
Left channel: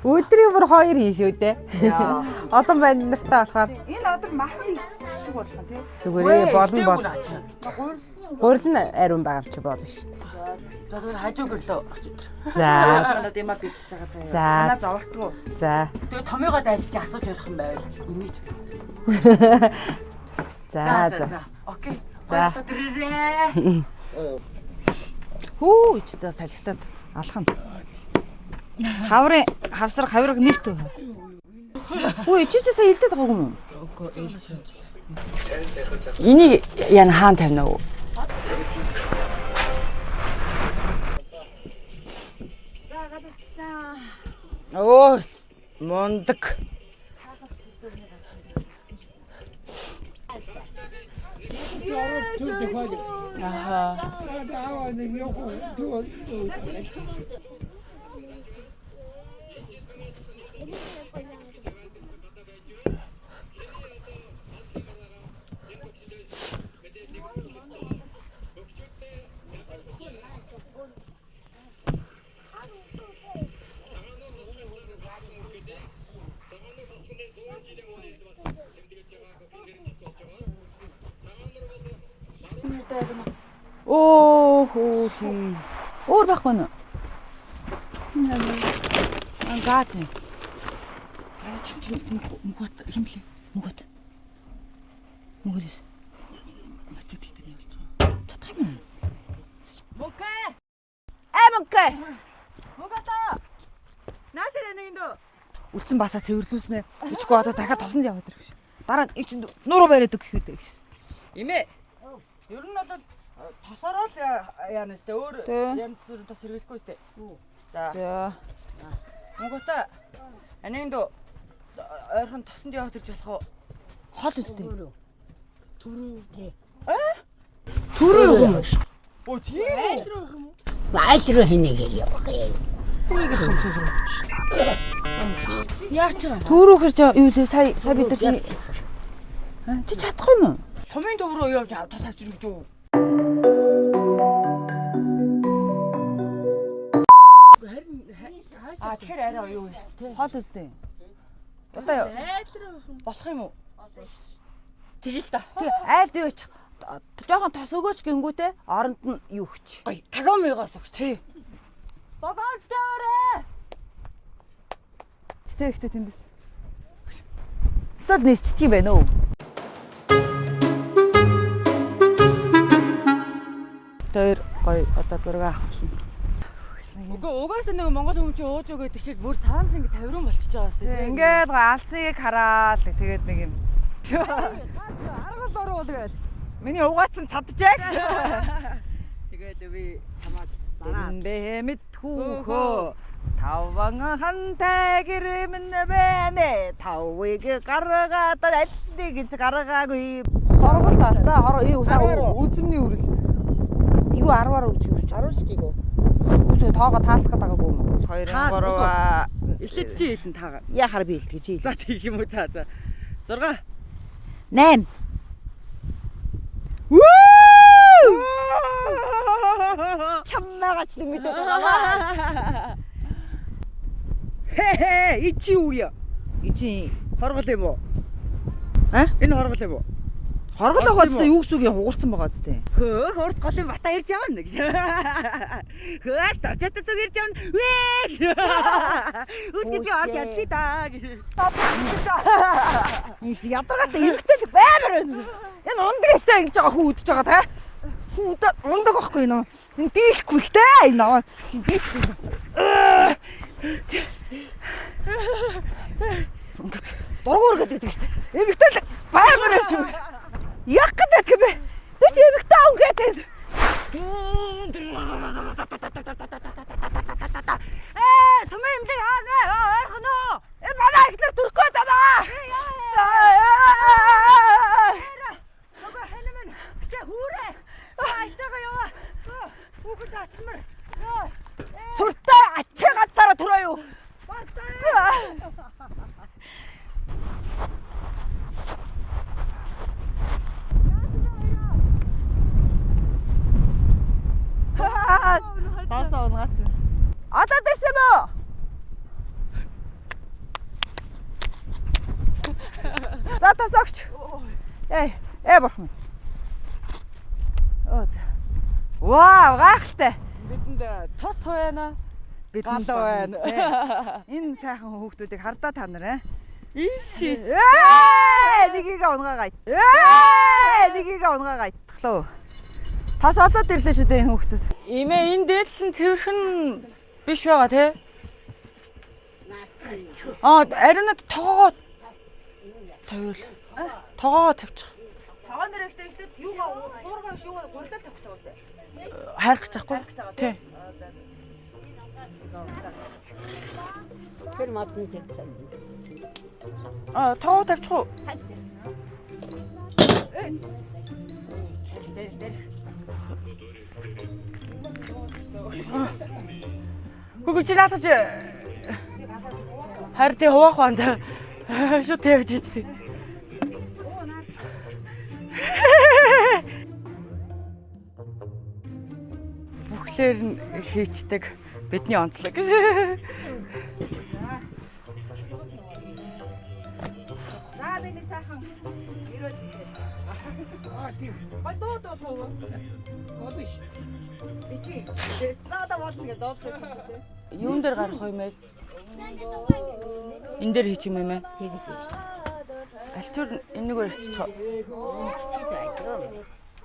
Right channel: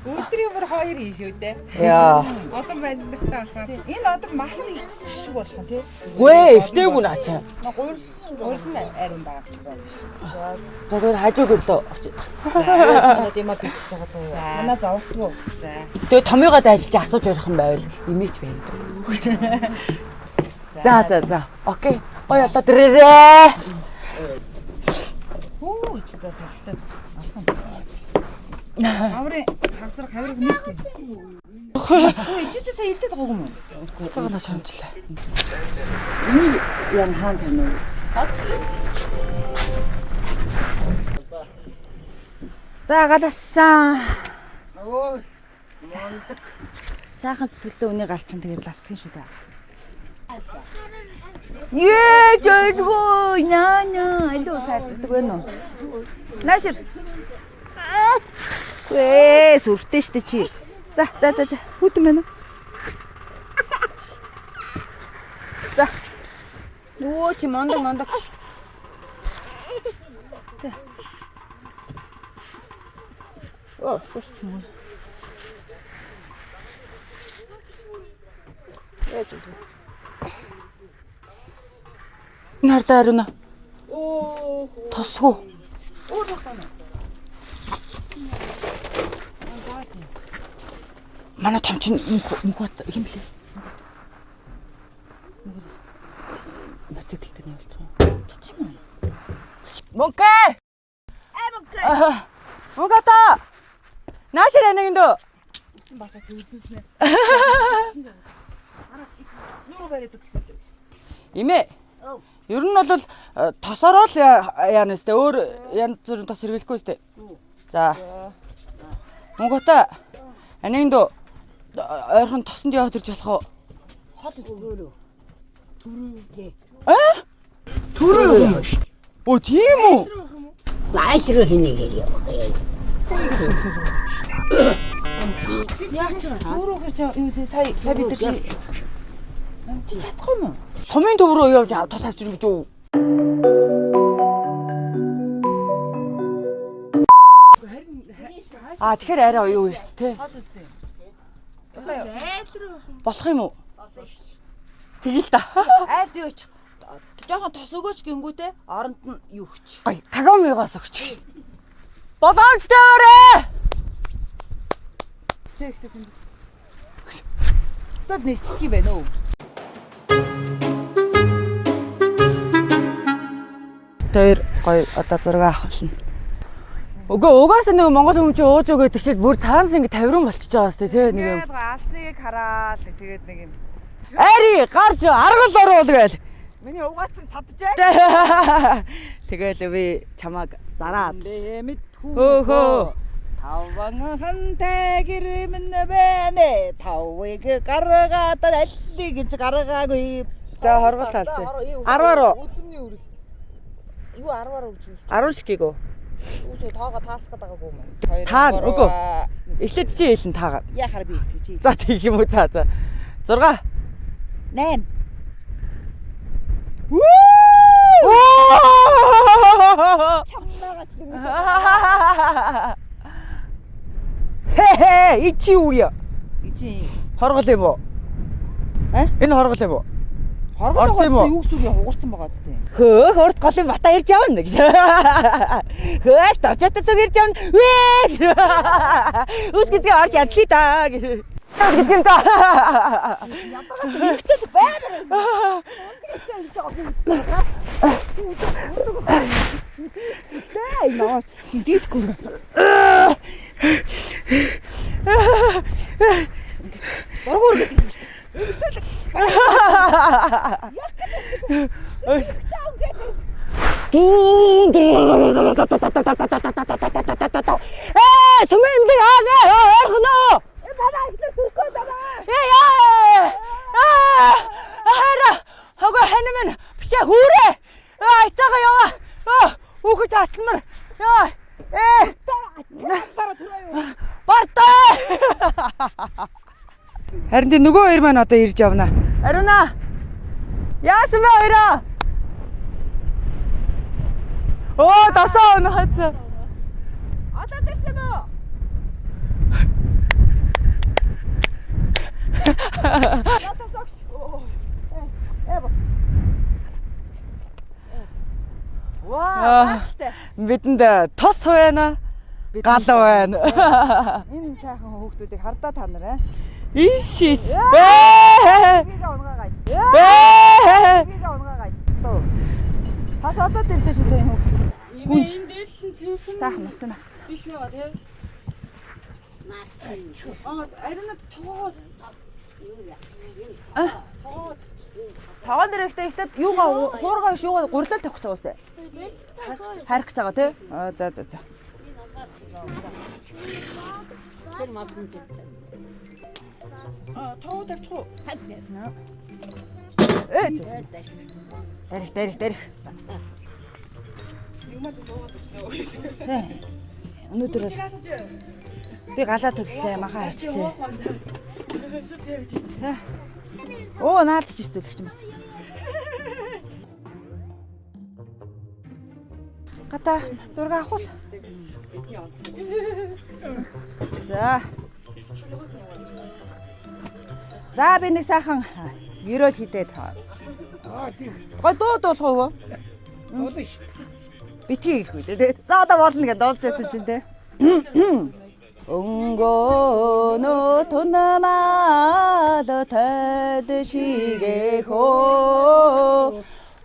Өдрийн бүр 2 ийн шүү дээ. Яа. Олон байна нартай болохоор. Энэ одоо махны шиг болох нь тий. Вэ, дээгүүр ачаа. Гурил нь ариун байгаа ч болно шүү. Тэгээд хажууг л. За. Надад юм битж байгаа заяа. За. Санаа зовлтгүй. За. Тэгээд томьёогоо дайжиж асууж ярих юм байвал имиж байна. За. Окей. Ой одоо дэрээ. Хүү ичдээ салхитаад алхам. Хавсар хавирга нэгт. Хүү ичээсээ хилдэд байгаагүй юм уу? Цагаалаа шамжлаа. Энийг яна хаан тавина уу? За галасан. Оо мундаг. Сайхан сэтгэлдээ үнийг алчин тэгээд ластгийн шүү дээ. Жойгоо няня илүү сайддаг байна уу? Наашир. Сүртэй штэ чи. За. Хүтэн байна уу? За. Оо чи мондог. Оо, гост мөн. Нартай ариуна. Оо, Тосгүй. Өөр байхгүй нь. Ангаач. Манай том чин мөнхөт юм блэ? Мөнгөс. Мотоциклтэй нь болчихсон. Мөнхэ! Мөнгө. Мөнгөта. Наашир анагиндөө. Үтсэн басаа цэвэрлүүлснэ. Одоо дахиад тосонд яваад. Дараа нуруу бариад гэхэд. Имэ. Ер нь бол тосороо л яана сте өөр янз бүрийн тос хэрэглэхгүй сте. За. Мөнгөта. Анагиндөө ойрхон тосонд яваад ирж болох уу? Хол үстэй. Төрөө юм шүү. Оо тийм үү? Айлруу хийнэ яа. Төрөөхөр юу сая бид нар чи чадахгүй юм уу? Сумын төв рүү явж тос авчир гэж үү? Тэгэхээр арай юу вэ шүү дээ? Хол үстэй. Одоо Болох юм уу? Тэгэл та. айлд юуч. Жохон тос өгөөч гингүүтэй оронд нь юу хүч. Гой кагомигоос өгч. Бодоочтой өрөө. Стэгтэй юм биш. Стад нэрчдэг юм байна уу? Тэр гой одоо зураг авах шин. Угаасаа нэг монгол хүмүүс чи ууж өгөө тэгшээд бүр цаанаас ингэ тавиран болчихж байгаа сте тий. Ингээд алсыг хараад тэгээд нэг юм. Ари гарч аргал оруул гээл. Миний угаацсан цадчихэ. Тэгэл би чамааг зараад. Мэдхүү. Таванхан тагэрмэн бэнэ. Тавыг гаргаад аллиг гэж гаргаагүй. За юу 10-аар. үзмний үрэл. Юу 10-аар үуч. 10 шигийгөө. Үгүй тоогоо таалцах гэдэг байгаагүй юм. Таа үгүй. Эхлээд чи хэлэн таагаа. Яхаар би хэлчих чи. За тийм юм уу за. 6 8. Чамнаагач нэг мэд. Ичи үе. Ичи Хоргол юм уу? А? Энэ хоргол юм уу? хоргол байгаа юу гэсэн үг юм хугарсан байгаа зү. Хөөх урд голын бата ирж явна гэж. Хөөх тавчаатай зүг ирж явна. Үсгэдгээ орж ядлаа да гэж. Ядаргаатай ихтэй баймар байна. Энэ ундагстай ингэж байгаа хүү үдчихэж байгаа та. Ундаг ах байна. Энэ дийлэхгүй л дээ. Энэ аваа. Дийлэхгүй. Дургуур гэдэг юм шүү дээ. Эмэгтэй яг гэдэг юм. Эмэгтэй аав гэдэг. Түмэн би орхно. Манай ихнэр төрөхгүй даа. Хайра. Хогоо ханамын бишээ хүүрээ. Айтаага яваа. Үхэж атламар. Яа. Сүртэй ачаагаасаараа тураа юу. Бартаа. Харин тийм нөгөө хоёр маань одоо ирж явна. Ариуна. Яасан бэ хоёроо? Оо, тасаа өнө хацаа. Одоо дэрсэн мө. За тасагч. Бурхан. Ваа, багтай. Бидэнд тос байна. Гал байна. Энэ сайхан хүүхдүүдийг хардаа та нар Ишит. Эгийг унгаагаад. Эгийг унгаагаад. Тас одоо ирлээ шүү дээ энэ хүүхдүүд. Имээ энэ дээдлэн тэрхэн биш байгаа тий. Ариунад тоогоо тавиул. Тоогоо тавьчих. Тоогон дээр ихтэй юугаа хуургаа биш юугаа гурлал тавих гэж байгаа үстэй. Хайрах гэж байгаа тий. За. Тэр мапн тэр. Тоогоо тавьчих уу? Дэрх. Бүгд чи наатаж Би галаа төллөө махаа. харж хуваах банда. Шууд тавьж хийдэг. Оо наадч ирсэн гэх юм байна. Тэр зураг хийчдэг. Бидний онцлог. За би нэг сайхан гэрөөл хилээд. Гой дуулах уу? Болно шүү. Битгий их үү. За одоо болно гэдээ дуулж байсан чинь те. Юун дээр гарах юм бэ? Өнгөнөө тунамаад тадшигэхөө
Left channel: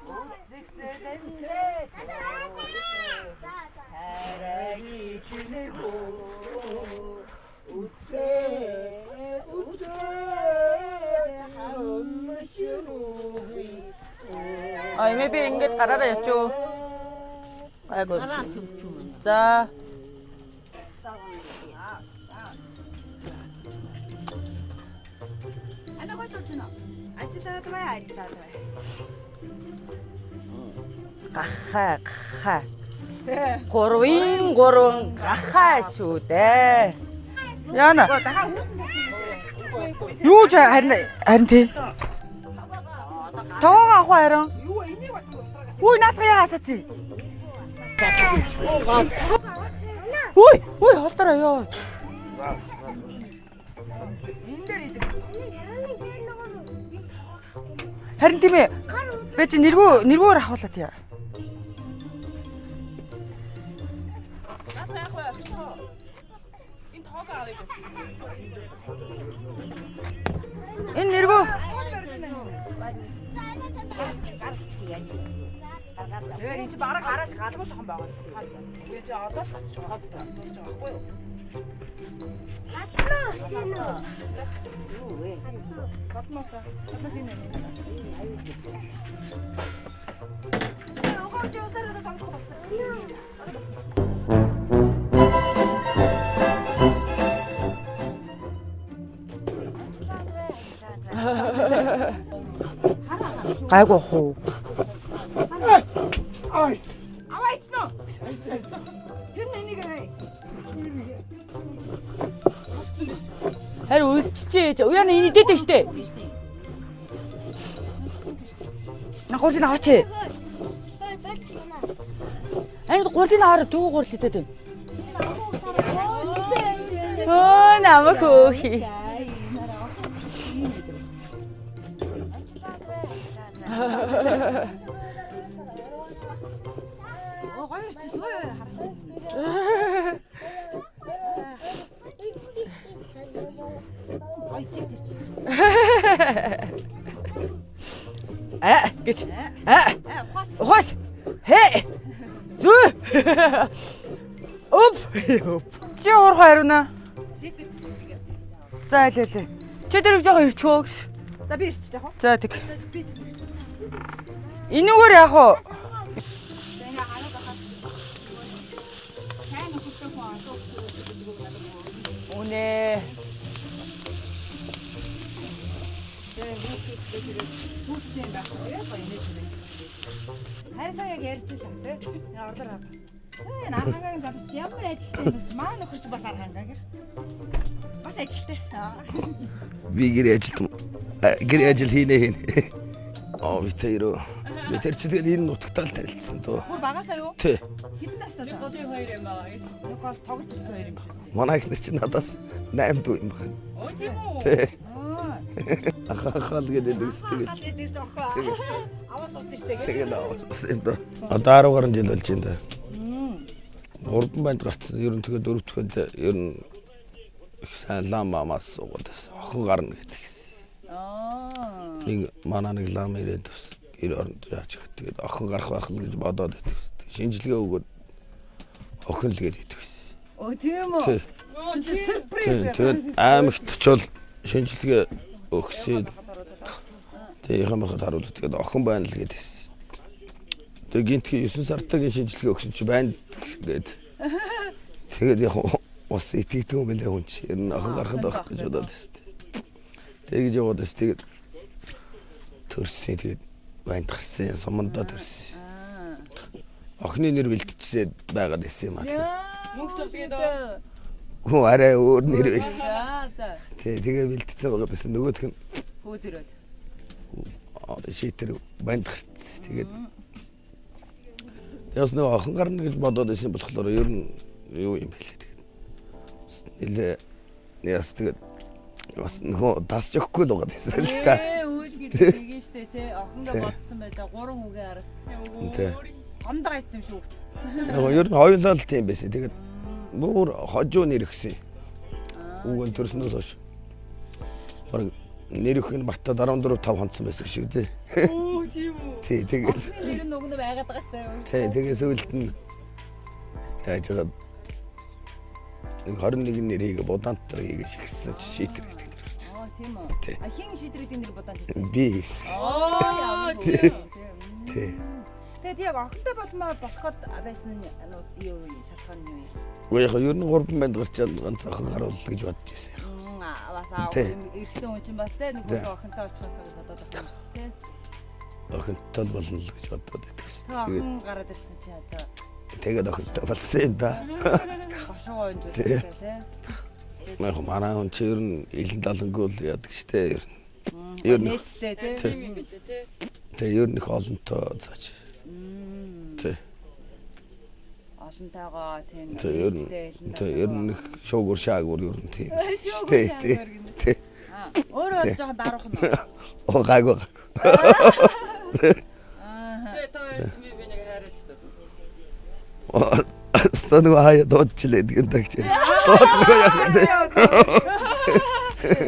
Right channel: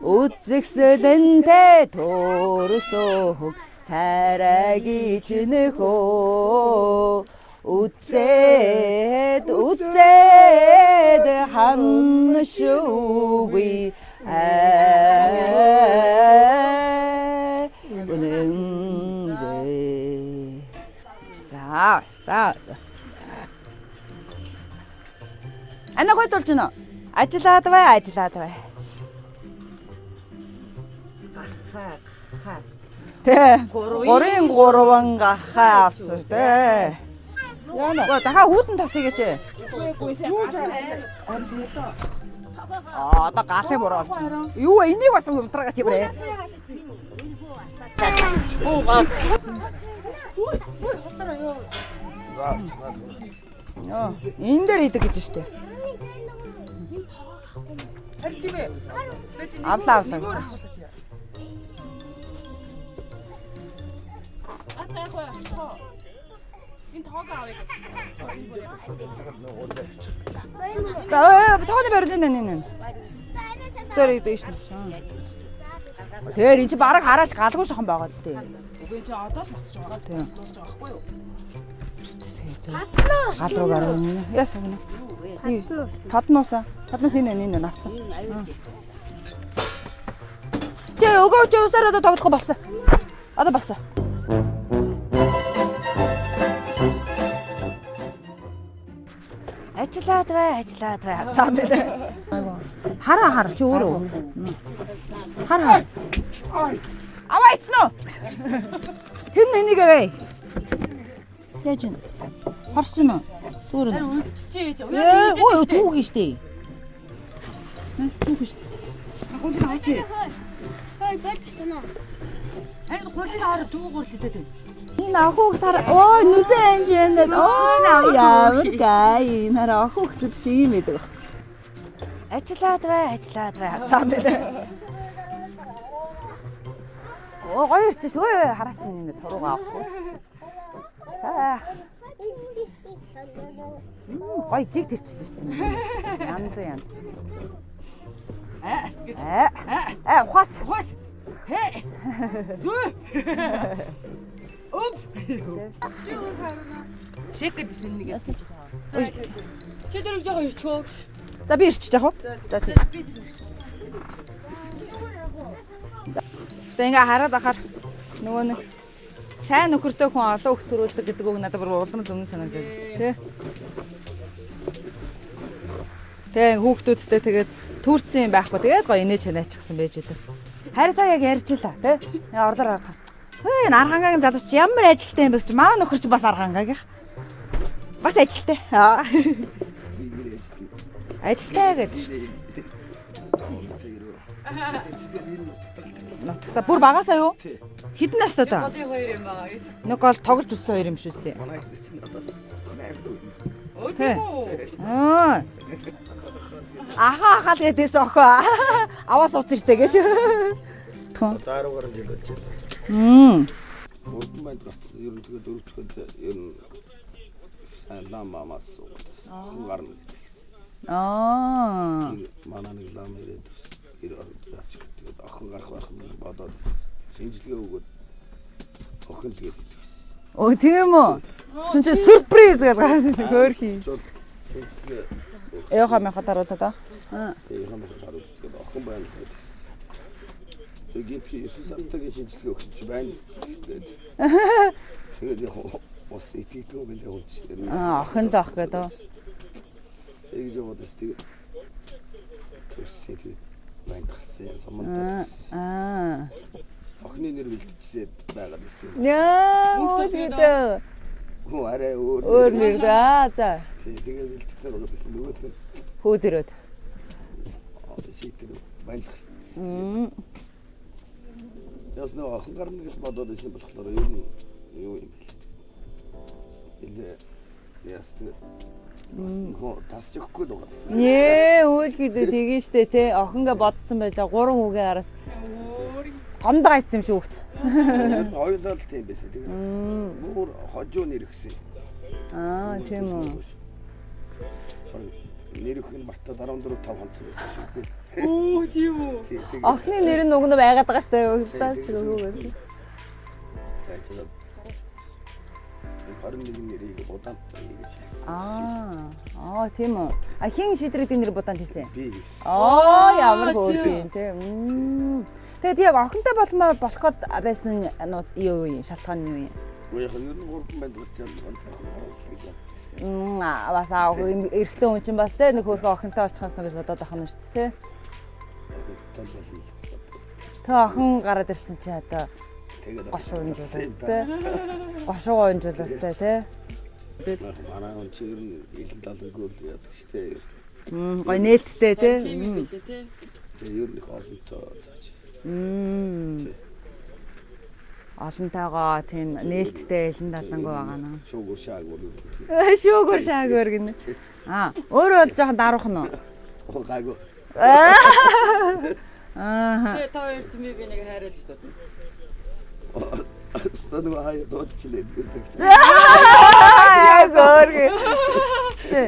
үзэгсэлэнтэй төрсөө царайгич нөхөө үзээд ханшуугүй За. Ана гой тулж гинэ. Ажиллаад бай. Гахаа. Тэ. 3 гахаа асуутэй. Яана. Дахиад хүүдэн тасъя гэж. Юу ч харин тий. Одоо гарах юм Тоо уу? ах харин. Юу энийг бас унтраагач юм Үй бэ? наатах яа хасаци. Үй холдороо ёо. Энэ дээр идэг гэж штэ. Харин тийм ээ. Би чи нэрвээр ахуулаа тий. Энэ тооны барилын энэ. Тэр идэг штэ. Тэр энэ чи бараг хараач галгүй шохон байгаа зү. Би чи одоо л бацж байгаа тийм дуусч байгаа байхгүй юу? Гал руу гараа. Яасан гинэ. Паднууса энэ наацсан. Тэ өгөөч усаар одоо тоглох болсон. Одоо болсон. Ажиллаад бай. Хараа чи Гайгүй хуу. хараа. Аваа ицнэ. Хэн энийг вэ? Яаж юм? Харч юм уу? Харин үлччихээ. Уяа идээд штэ. Түүх штэ. Гурлын аваач. Ангид гурлын аваар дүү гурл идээд байна. Энэ ахуг тар нүдэн анжинд намайг гай нараа ахуг зүт юм эдэг. Ажиллаад бай. Гоё ирчихш. Хараач юм энэ зургаа. Гоё жиг тэрчиж шүү дээ. Гэж. Ухаас. Хэ. Зүү. Оп. Чи уурах хариуна. Шик гэж нэг яасан. За тий. Чи дэрэг жоохон ирчихөө. За би ирчих яах вэ? За тэг. Энүүгээр яах вэ? Тэгээ ингээ хараад ахаар нөгөө нэг сайн нөхөртэй хүн олон хөх төрүүлдэг гэдэг үг надад бүр улам зөв санагдав. Тэгээ хүүхдүүдтэй тэгээд түүрцэн юм байхгүй тэгээд гоё инээж ханаачихсан байж байгаа. Харин сая яг ярьжлаа тий. Ордоор гарах. Энэ архангагийн залууч ямар ажилтай юм бэ чи манай нөхөр чи бас архангаагийнх. Бас ажилтай. Би гэр ажилтан. Гэр ажил хийнэ. Витэрөө. Витэр чи тэгээд энэ нутагтаа л тарилцсан. Бүр багасаа юу? Тий. Хідэн настай та? Хоёр юм байгаа. Нэг гол тоглож өссөн хоёр юм шүү дээ. Манай ихнэр чи надаас 8 дүү юм байна. Ахахал гэдэг. Ахаахал гэдээс охоо. Аваа сууцсан штэ гэж. Одоо 10 гаруй жил болж байна да. Урдан банд гарцсан. Ер нь тэгээ дөрөвдөхөд ер нь их сайн лам мамаас суугаад байсан. Охин гарна гэдэг гэсэн. Нэг манай нэг лам ирээд бас гэр оронд яач гэх тэгээд охин гарах байх л гэж бодоод байдаг. Шинжилгээ өгөөд охин л гээд идэв гэсэн. Оо тийм үү. Сүн чи сюрприз гэдэг. Аймагтчул шинжилгээ өгсөн. Яхаа махад харуулдаг аа. Тэгээ яхаа махад харуулдаг. Тэгээд охин байна л гэдээс. Тэгээ гинтхи 9 сартагийн шинжилгээ өгсөн чи байна гээд. Тэгээд яг ус итгэдэг юм байлаа хүн чи. Ер нь охин таах гэдэг. Тэгээд яваад бас тэгээд төрсөн тэгээд банд гарсан сумандаа төрсөн. Охины нэр бэлтжсээд байгаад байсан юм аа. Яа, үгүй. Хөө арай өөр нэр. За. Тэгээ бэлтцсэн байгаа байсан. Нөгөөх нь Хөөдөрөөд. шийтэр банд гарцсан. Тэгээд яс нэг охин гарна гэж бодоод байсан болохоор ер нь юу юм бэ лээ. Тэгээд яс тэгээд бас нөгөө тасч өгөхгүй л байгаа гэсэн. Үйл гэдэг тийм штэ тий. Охингээ бодсон байж 3 хүүгийн араас. Гомдоо гайцсан юм шүү хөхт. Ер нь хоёулаа л тийм байсан. Тэгээд бүр хожуу нэр өгсөн. Үгүй төрснөөс хойш. Бараг нэр өгөх нь бартад 14 5 хонцсон байсан шүү дээ. Оо тийм үү. Тий тэгээд Охины нэр нь уг нь байгаад байгаа штэ. тэгээд сүүлд нь яаж байгаа 21 нэрийг будаантай хийгээд шигсэн шийтгэв. Тийм үү. Хин шийдрэгдийн нэр будаанд хийсэн. Би. Ямар хөөрхөн тийм. Тэгээд яг охинтой болмоо болоход байсан нь юу юм шалтгаан нь юу юм? Уу яг ер нь 3 банд гарчаад ганц охин харуулна гэж бодож байсан. Бас эрэгтэй хүн чинь бас те нэг хөөрхөн охинтой очихсан гэж бодоод байгаа юм шүү дээ. Охинтой болно л гэж бодоод байсан. Тэ охин гараад ирсэн чи одоо тэгээд охинтой болсон юм да. гошуугаа өнжүүлсэн те. Манай хүн чи ер нь илэн далангуул яадаг штэ. Гой нээлттэй те. Тэгээ ер нь их олонтой заач. Тэ. Олонтойгоо тийм нээлттэй илэн далангуул. Шуугур шаагур ер нь тийм. Шуугур шаагур гэнэ. Өөрөө бол жоохон даруух нь. Оо гайгүй. Тэгээ та хоёр тийм би нэг хайрлаж байна. Стану хаяа доочлээд гэн тагч. Тэр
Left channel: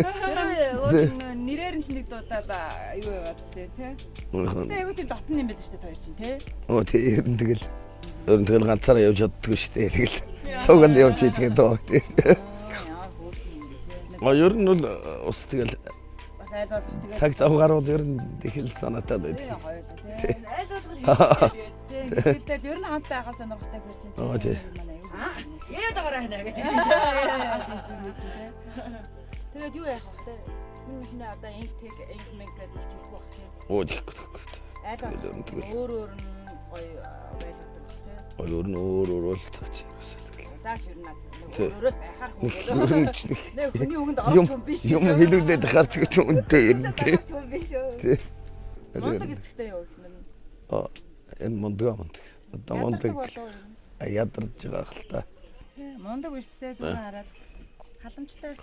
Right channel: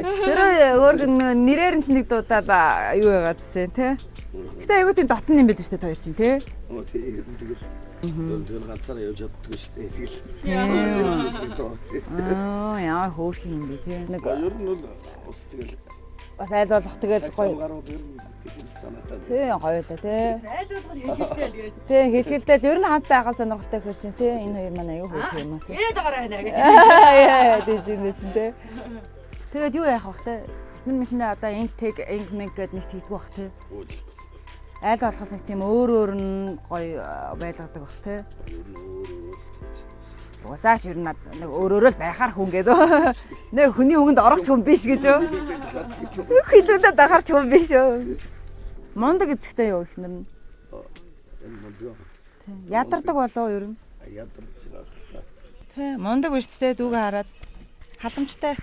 өөр нэрээр нь ч нэг дуудаад юу яагаад гэсэн тий. Гэтэ айгуу тийм дотн юм байл шүү дээ хоёр чинь тий. Оо тий ер нь тэгэл ганцаараа явж чаддаг шүү дээ. Тэгэл цуганд явж идэх доо. Яа хөөрхөн юм бэ тий. Ер нь бол ус тэгэл бас айл болох тэгээд цаг цав гарууд ер нь тэгэл санаатай байдаг. Тий хоёулаа тий. Айл болох юм. Тий хэлбэлтэй ер нь хамт байхал сонирхолтой хэр чинь тий. Энэ манай аюу хөөрхөн юм. Яриад байгаа хэнэ гэж. Яа тийм байсан тий. Тэгээд юу яах вэ тий? Минь одоо интег инг гэд нэг тэгдэх бах тий. Оо тийхгүй. Айл болох юм тийм өөр нь гоё байлгадаг бах тий. Өөр нь өөр л цаач. Усаач ер нь нэг өөрөөрөө л байхаар хүн гэдэг. Нэг хүний үгэнд орох хүн биш гэж юу? Хэлүүлээд харч гэж юм үнтэй. Хэлүүлээд харч хүн биш үү? Мондөг эзэгтэй юу ихнэр нь? Энэ мондөг. Ядардаг болов ер нь? Ядарч байгаа хэл та. Тий, мондөг биштэй дүүгээ хараад халамжтай.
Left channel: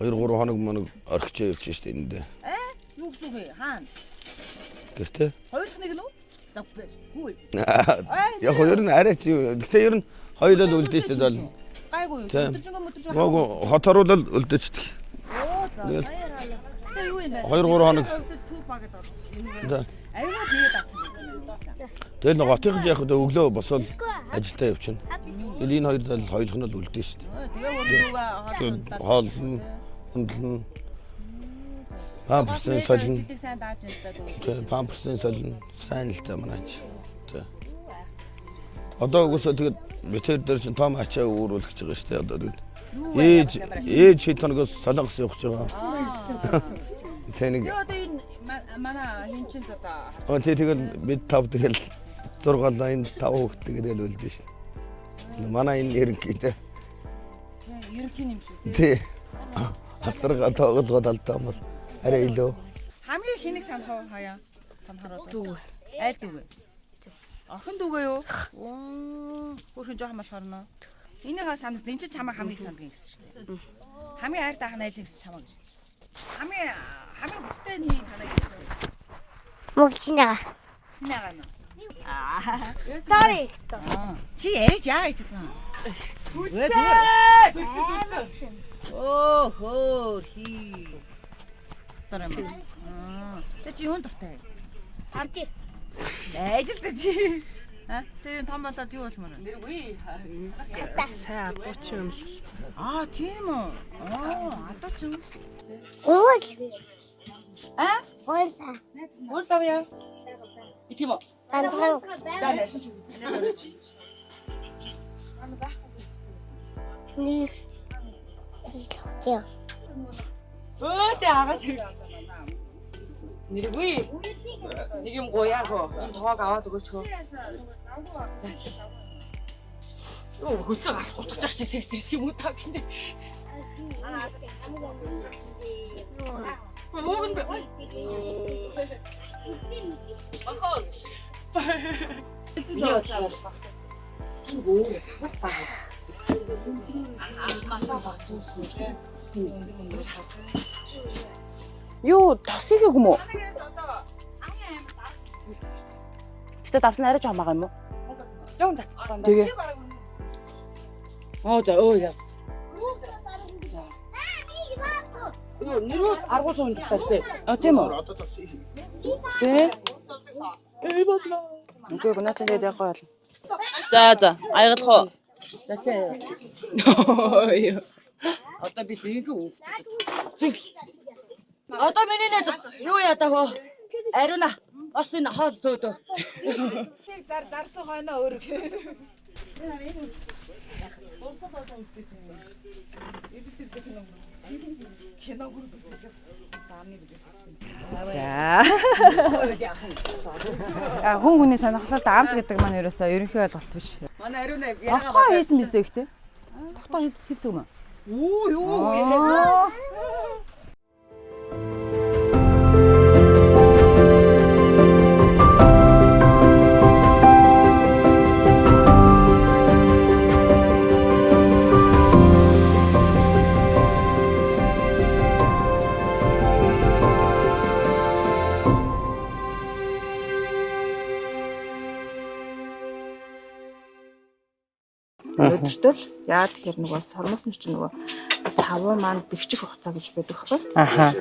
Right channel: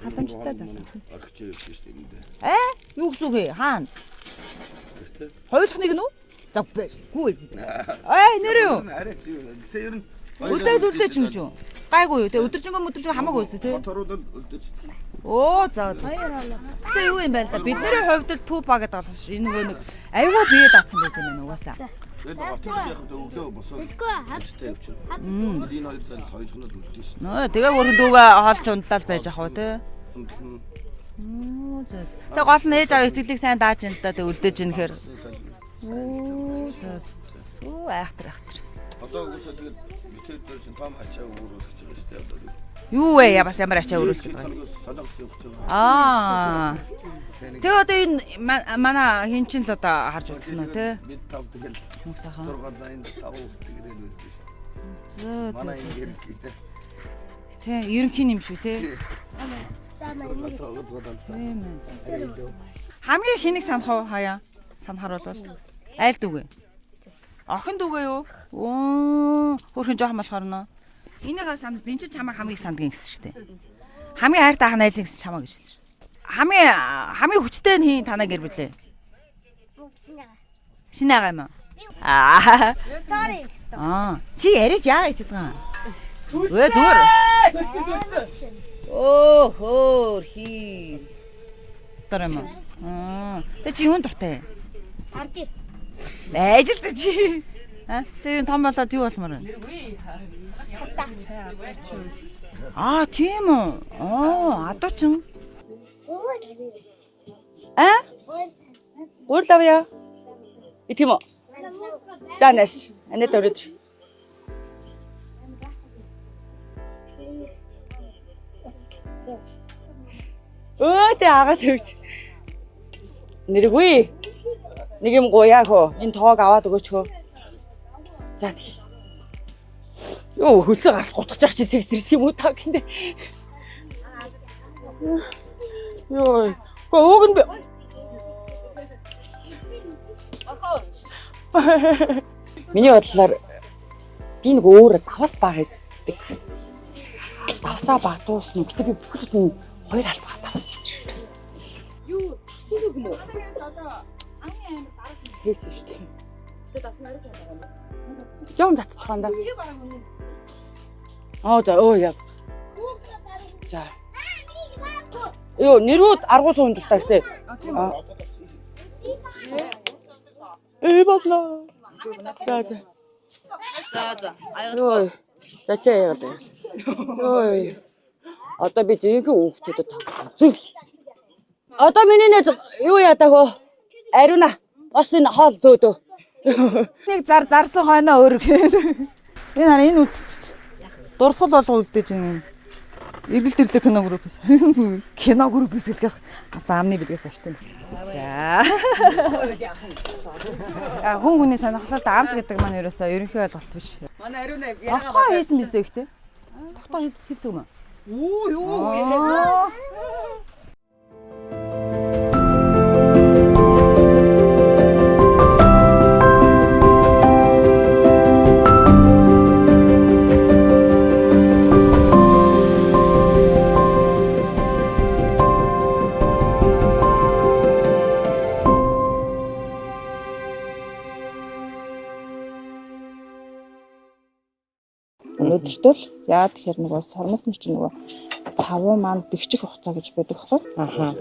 2-3 хоног моног орхичоо явж штэ эндээ. Юу гэсэн үг вэ? Хаана? Гэртээ. Хоёулах нэг нь үү? За гүйл. Нэр юу? Арай чи юу? Гэтэ ер нь хоёулаа үлдээч шүү. Гайгүй юу? Тэ өдөржингөө хамаагүй үстэй. Хот оруулаад үлдээчдэг. Оо за. Гэтэ юу юм бэ? Бидний хувьд л пупа гэдэг болсон шүү. Энэ нөгөө аюугаа бие даацсан байдаг юм угаасаа. Тэр нэг готын яг өглөө босоод ажилдаа явчихна. Энэ хоёр зал хоёулах нь л үлдээ шүү. Тэгээ өөрөө дүүгээ хоолж ундлаад байж ах уу те. Ундлаа. Тэгээ гол нь ээж аваа эцэглийг сайн дааж ин л да тэг үлдээж ин гэхээр сайн л та манай. Оо айхтар. Одоо угсаа тэгээд метр дээр чинь том ачаа өөрүүлж байгаа шүү дээ одоо тэгээд. Юу вэ ямар ачаа Ээж чи тоногоос солонгос явах гэж байгаа. Тэгээ одоо энэ манай хин чин л одоо харж байна. Тэгээд бид тав тэгэл 6 лайн 5 хүүхэд тэгэл үлдээ шүү дээ. Манай энэ ерөнхий те. Тэ ерөнхий юм шүү те. Хасрага тоглоод алдаа юм. Арай илүү. Хамгийн хэнийг санах уу хаяа? Санахаар бол айл дүүгээ. Охин дүүгээ юу? Оо, хөрхэн жоохон болохоор нөө. Энийгээ санах, энэ ч чамаа хамгийн сандгийн гэсэн шүү дээ. Хамгийн хайртай ах найзын гэсэн чамаа гэж. Хамгийн хүчтэй нь хин танаа гэр бүлээ. Мөгчнээ. Шинэгаа юм уу? Аа. Тари. Чи ярьж яагаад хэлдэг юм? Зүгээр. Оо хөр хий. Тарам. Тэ чи юунд дуртай? Арди. Найзтай чи. Чи юу том болоод юу болмоор вэ? Сайн адуучин. Тийм үү? Адуучин. Гол. Голса. Уурлавья. Тийм үү? Ганцхан. Данаш. Анэт өрөж. Нэг. Тэ агаад өгч. Нэргүй. Нэг юм гуяа хөө. Энэ тоог аваад өгөөч хөө. За тий. Йоо хөлсөө гарч гутгаж чи сэгсэрс юм уу та гинэ. Йоо. Гоо өгөн бэ. Миний бодлоор би нэг өөр давас баг гэдэг. Давсаа багтуус нүгтэй би бүхэлд нь хоёр албаа давс. Юу тосыг юм уу? Хэлсэн шүү дээ. Цэцтэй давсан арай жоом байгаа юм уу? Жоом татчихсан да. Тэгээ. За. За. Йоо нэрүүд аргуу цунд тагсаа. Тийм үү? Тэ. Бодлоо. Үгүй гонаач яриад явах бол. За. Аягдлаа. За чи яагаад. Одоо би зинхэнэ хүүхдүүдэд тавцал. Одоо миний нэг юу ятаах вэ? Ариуна. Бас энэ хоол зөөдөө. Нэг зарсан хойноо өөр. Энэ хараа энэ үлдчих. Дурсгал болго үлдээж юм. Эвэл тэрлэг кино группээс. Кино группээс хэлэх заамны бэлгээс авчтай. За. Хүн хүний сонирхолтой амт гэдэг маань ерөөсөө ерөнхий ойлголт биш. Манай ариуна Тогтоо хийсэн биз дээ ихтэй. Тогтоо хийх зүг юм. Юу. Өнөөдөртөл яа тэгэхээр нөгөө сармасны чинь нөгөө цавуу маань бэхжих хугацаа гэж байдаг байхгүй. Аха.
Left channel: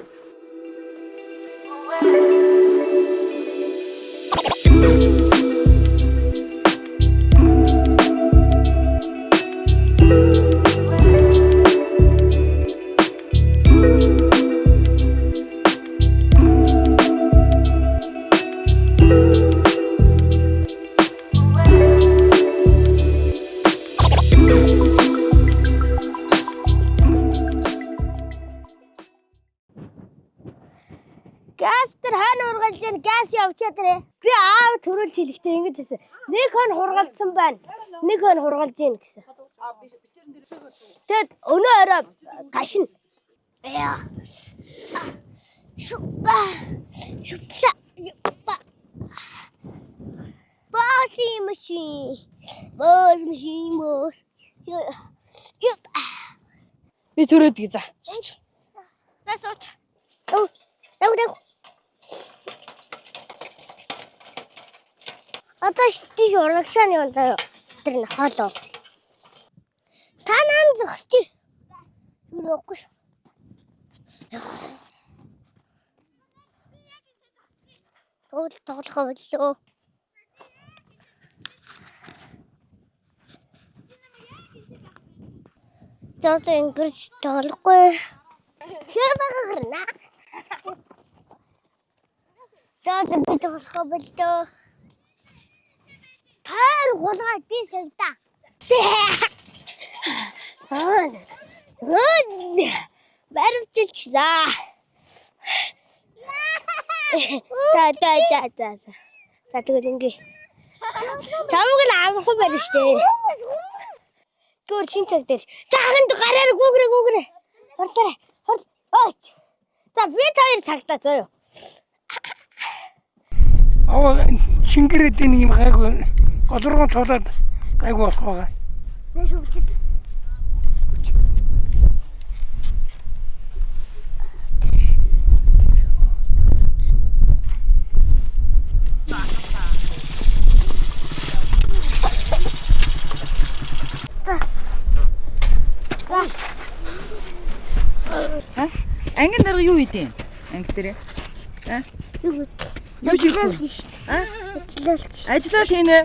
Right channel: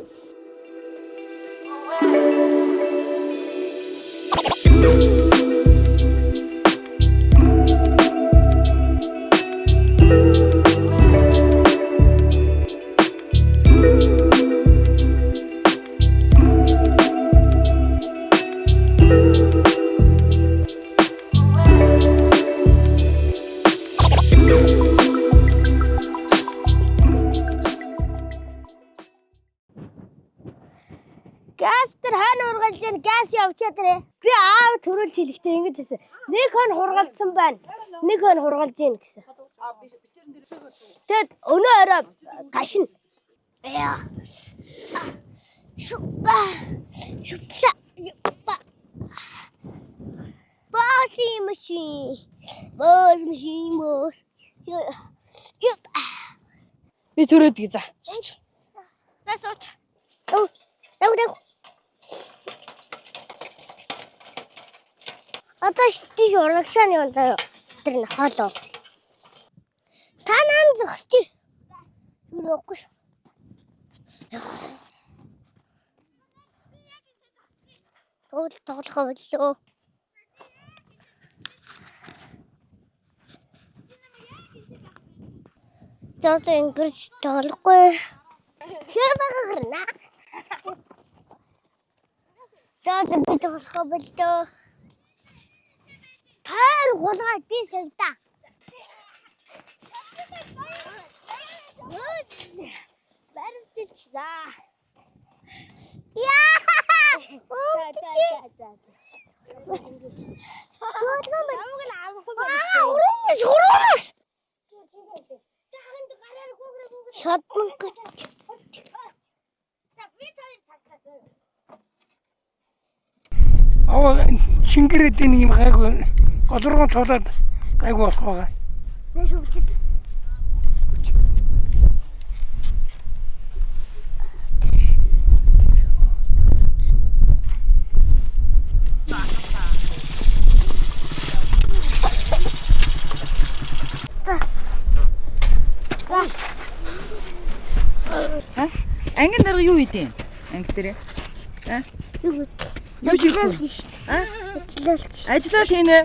Газ тэр хаана ургалж яа газ явчаа тэрэ. Би аав төрөл хэлэхдээ ингэж хэлсэн. Нэг хон хургалцсан байна. Нэг хон хургалж ийн гэсэн. Тэгэд өнөө орой гашин. Яа. Шупа. Бос машин. Би төрөөд гээ за. Засууч. Дэв. Одоо чи урагшааны онцоо тэр нахаалаа. Та нан зогсчих. Юугүй шүү. Тоглох боллоо. Яа ингэж тоглохгүй. Шэвэгээ гэрнэ. Таад би тоглох боллоо. Таар гулгаад би савда. Барвчилчихлаа. Яа. Та. Татгэнгээ. Тамаг л авах байх шүү дээ. Суруураас. Гөр чин цаг дээр. Жаханд гараар гүгрээ хадсан болсараа. Хот. За би хоёр цагтаа зөө. Шингэрэдийн юм гайгүй голрогон цуулаад гайгүй болох байгаа. Нэг шүгчд. юу хийдин? Анги дээр. Юу Юу биш. А? Лэл. Ажиллаа л хийнэ.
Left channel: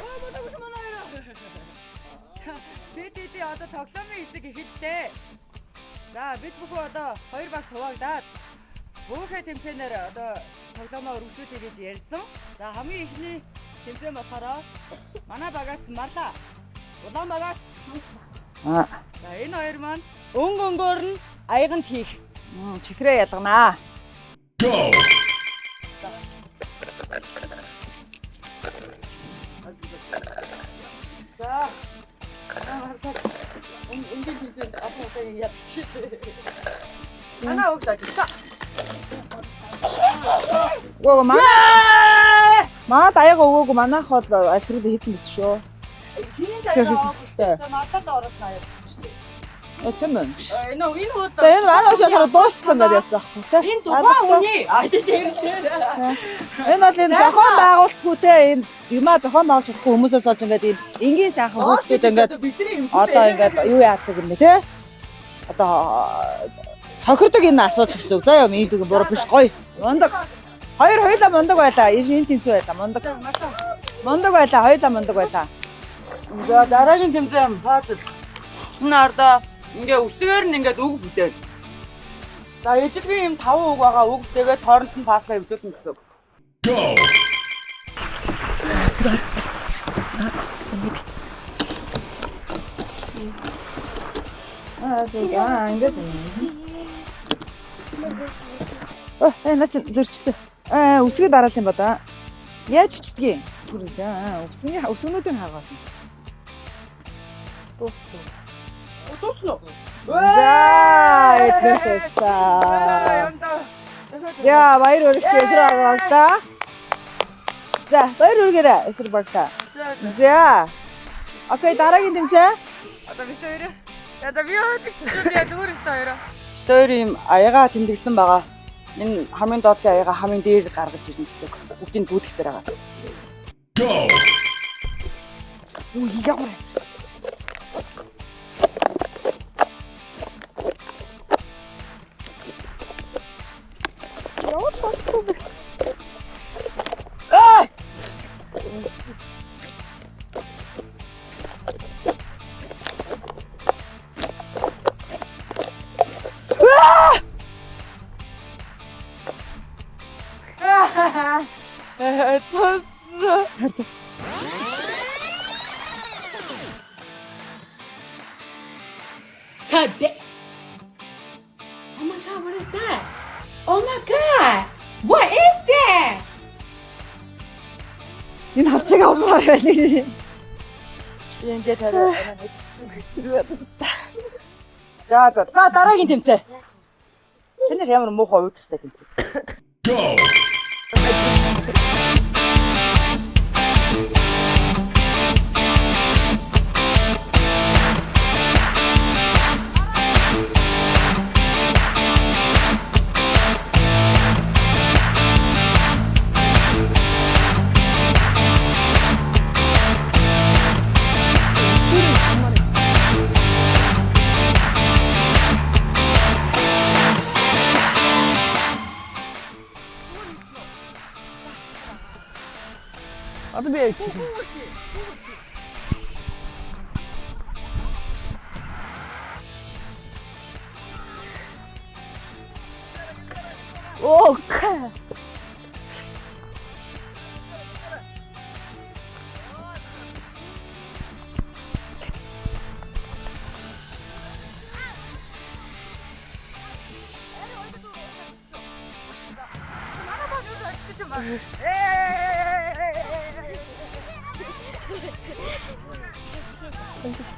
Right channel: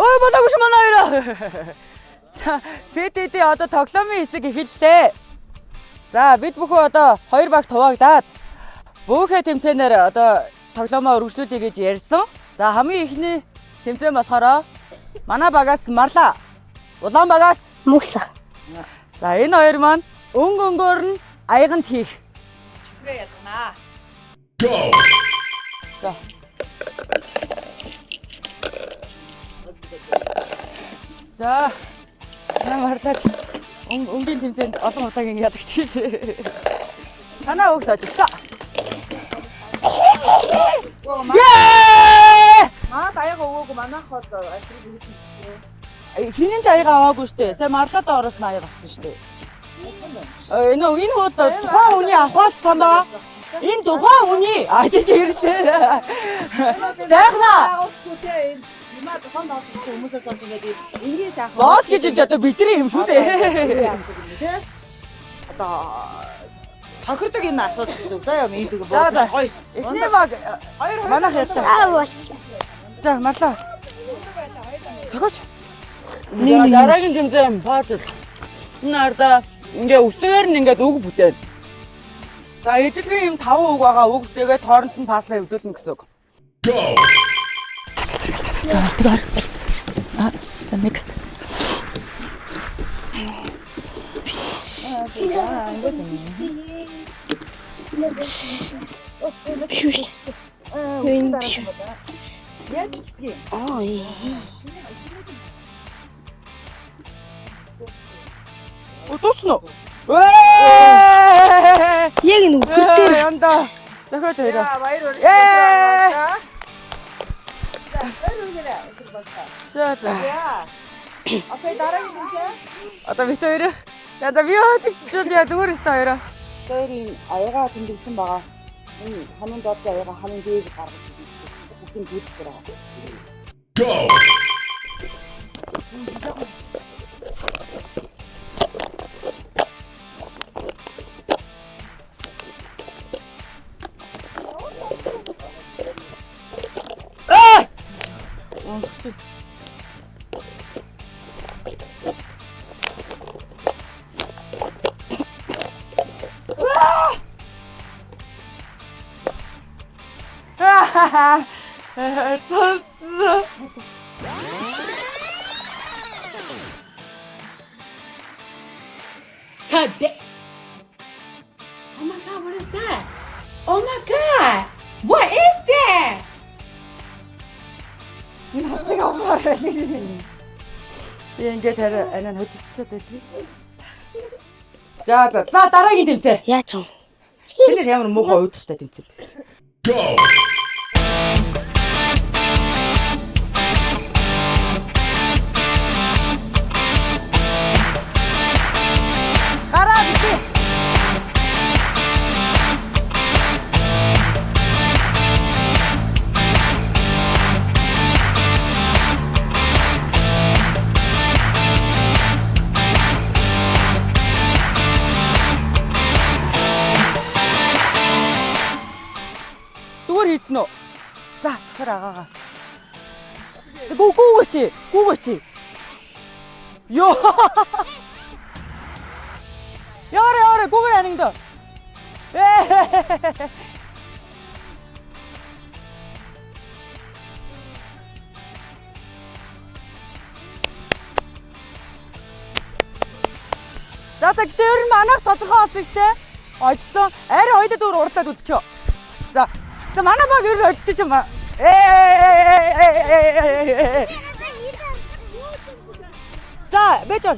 Ой болоогүй ш манай хоёроо. За ПТТ одоо тоглоомын хэсэг эхэллээ. За бид бүхэн одоо 2 баг туваагдаад бүхэ тэмцээнээр одоо тоглоомоо үргэлжлүүлье гэж ярьсан. За хамгийн ихний тэмцээн болохоор манай багаас Марла, Улаан багаас Мөсөх. За энэ хоёр маань өнгөөр нь аяганд хийх. Чихрээ ялганаа. Go! За. За. Марлаа. Өнгийн тэмцээнд олон удаагийн ялагч шээ. Танаа өглөө ажиллаа. Оо манад аяга өгөөгүй манайх бол альтруулаа хийсэн биш шүү. Хинэн аяга аваагүй штэ. Тэгээ Марлаад ороос нь аяга авсан штэ. Тийм үү? Энэ бол Энэ манай шууд дууссан байх заах тийм. Энэ тухайн хүний тийш хэрэгтэй. Энэ бол энэ зохион байгуулалтгүй те ийм юмаа зохион байгуулж чадахгүй хүмүүсээс олж ингээд ийм энгийн сайхан Боос гэж одоо бидний юм шүү одоо дээ. ингээд юу яадаг юм бэ те? Одоо тохирдог энэ асуудал гэсэн үг. Заа юм ийдэг буруу биш гоё. Мундаг. Хоёр хоёулаа мундаг байлаа. Энэ тэмцүү байлаа. Мундаг. За Марлаа. Мундаг байлаа. Хоёулаа мундаг байлаа. Дараагийн тэмцээн баатал. Наарда ингээ үсээр нь ингээд үг бүтээд. За ижлэгийн юм 5 үг байгаа үг тэгээд хооронд нь паслаа хөвлүүлнэ гэсэн үг. Go! The next. Үсгээ дараад юм ба да. Яаж үчдгийг? Үсгнүүдийн хаагаа. Дуусна уу? Яг энэ бүтээр За баяр хүргэе та. За баяр хүргээрэй эсрэг багтаа. За. Окей дараагийн тэмцээн. Одоо бит хоёрыг яда би хаачихчихвэл яа зүгээр өстой хоёроо. Бит хоёр юм аяга тэмдэгсэн байгаа. Энэ хамгийн доотлын аяга хамгийн дээр гаргаж ирнэ гэдэг. Бүгдийг дүүлэхээр байгаа. Go! Oh my god, what is that? Oh my god! What is that? Энэ хацыг авмаар байна. Ингээд арай хөдөлгөөн. За дараагийн тэмцээн. Яаж юм? Тэр ямар муухай уудтай тэмцээн. Go! Зүгээр хийцэн үү? За, тэр агаагаа. Одоо би гүүгээч. Йоо. Яарэ гүүгээр анигдаа. Оо. За тэр нь манайх тодорхой болсон шүү дээ. Очлоо. Арай хоёул дүүр урлаад үдчихөө. За манай баг ер нь очиж юм ба. За бэжэр.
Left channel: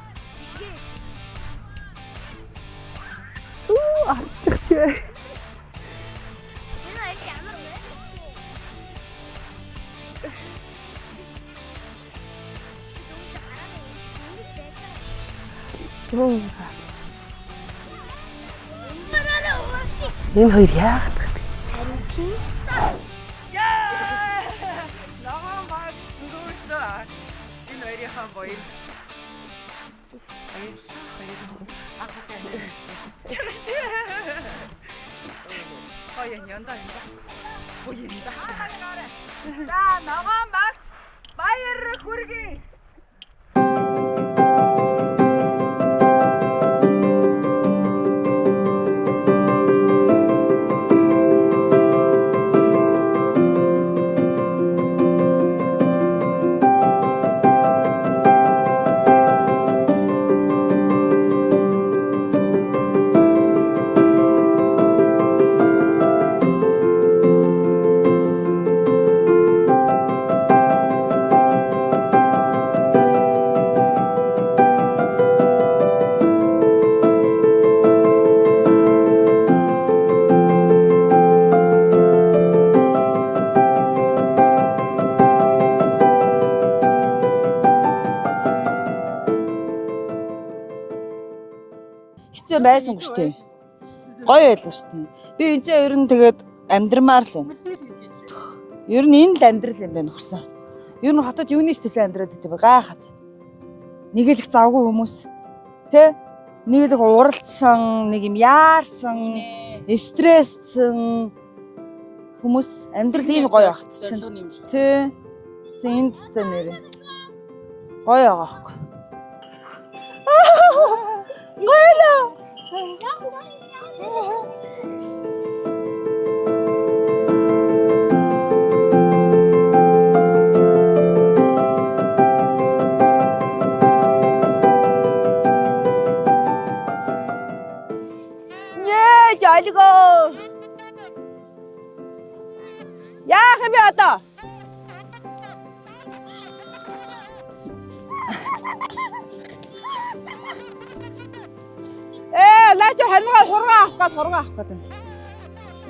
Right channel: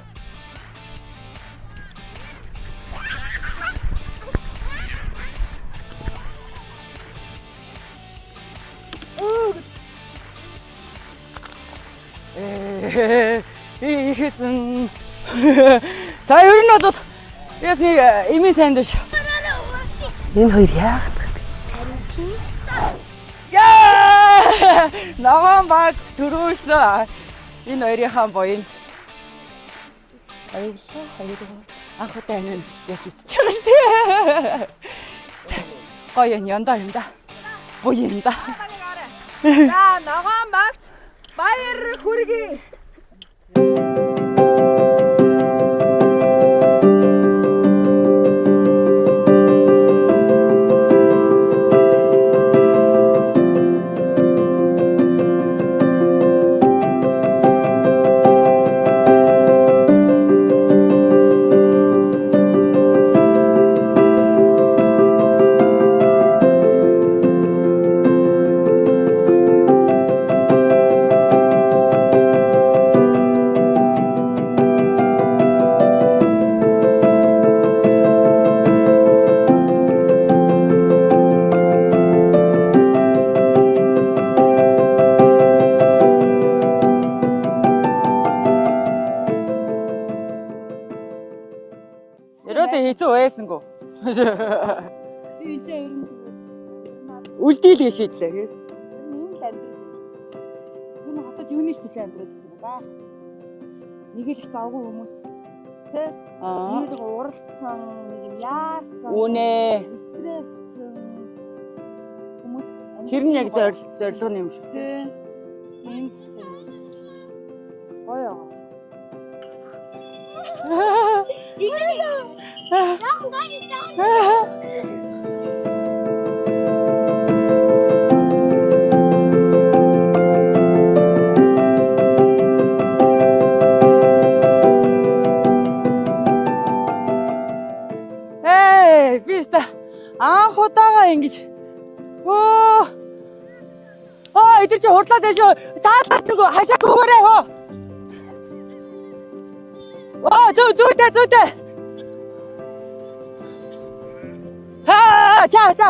Ихэсэн. За ер нь бол яг нэг имийн танд ш. Энэ хоёр яагаад Харин тийм. Яа! Ногоон баг төрөөсөө энэ хоёрынхаа буян. Баярлалаа хоёроо. Анх удаа энэ яах гэж байгаа шүү дээ. Гоё янда юм да. Буян да. За ногоон багт баяр хүргэе. Байсангүй. Гоё байлаа шүү дээ. Би энэ чинь ер нь тэгээд амьдрмаар л Үлдээлээ шийдлээ. ер нь энэ л амьдрал юм байна хүсэн. Ер нь хотод юунаас төлөө амьдраад идэв гайхаад. Нэг л их завгүй хүмүүс. Тэ? Нэг л уралдсан, нэг юм яарсан. Үнэ. Стресссэн хүмүүс амьдрал юм гоё байх. Зорилго юм шүү. Тэ. Энд тэ нэр. Гоё байгаа байхгүй. Анх удаага ингэж. Оо, Яах юм бэ одоо? эдгээр чи хурдлаад байна шүү. Цаалаад нөгөө хашааг өгөөрэй хөө. Зүйтэй. Лаа чи хангаа хургаа авах гал хургаа авах гэдэг. За.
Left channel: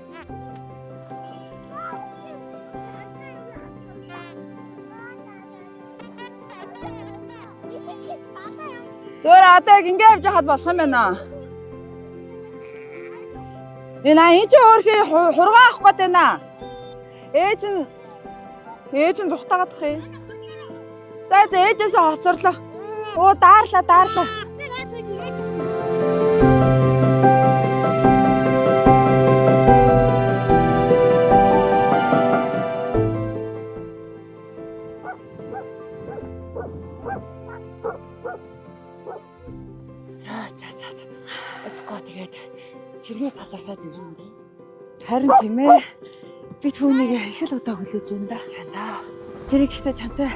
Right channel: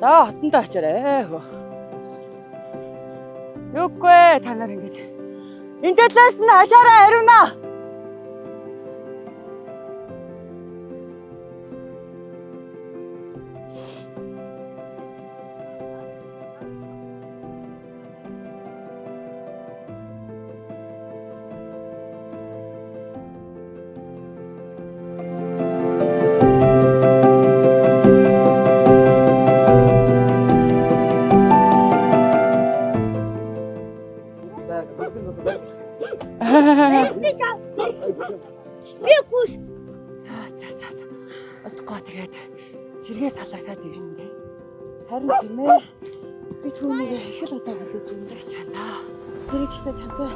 За, хотондоо очаарай хөө. Юугүй та нар ингэж. Энд талаас нь хашаараа хариуна. Зөөр одоо яг ингэ явж хаад болох юм байна. Энэ чи өөрхий хургаа авах гээд байна. Ээж нь зүхтаагаад ах юм. За ээжээс хоцорлоо. Оо daарлаа. Би хүс. За. Отгоо тэгээд чиргээ салаасаад ирнэ дээ. Харин тийм ээ. Би түүнийг их л удаа хүлээж байна да. Чанаа. Тэр ихтэй чантай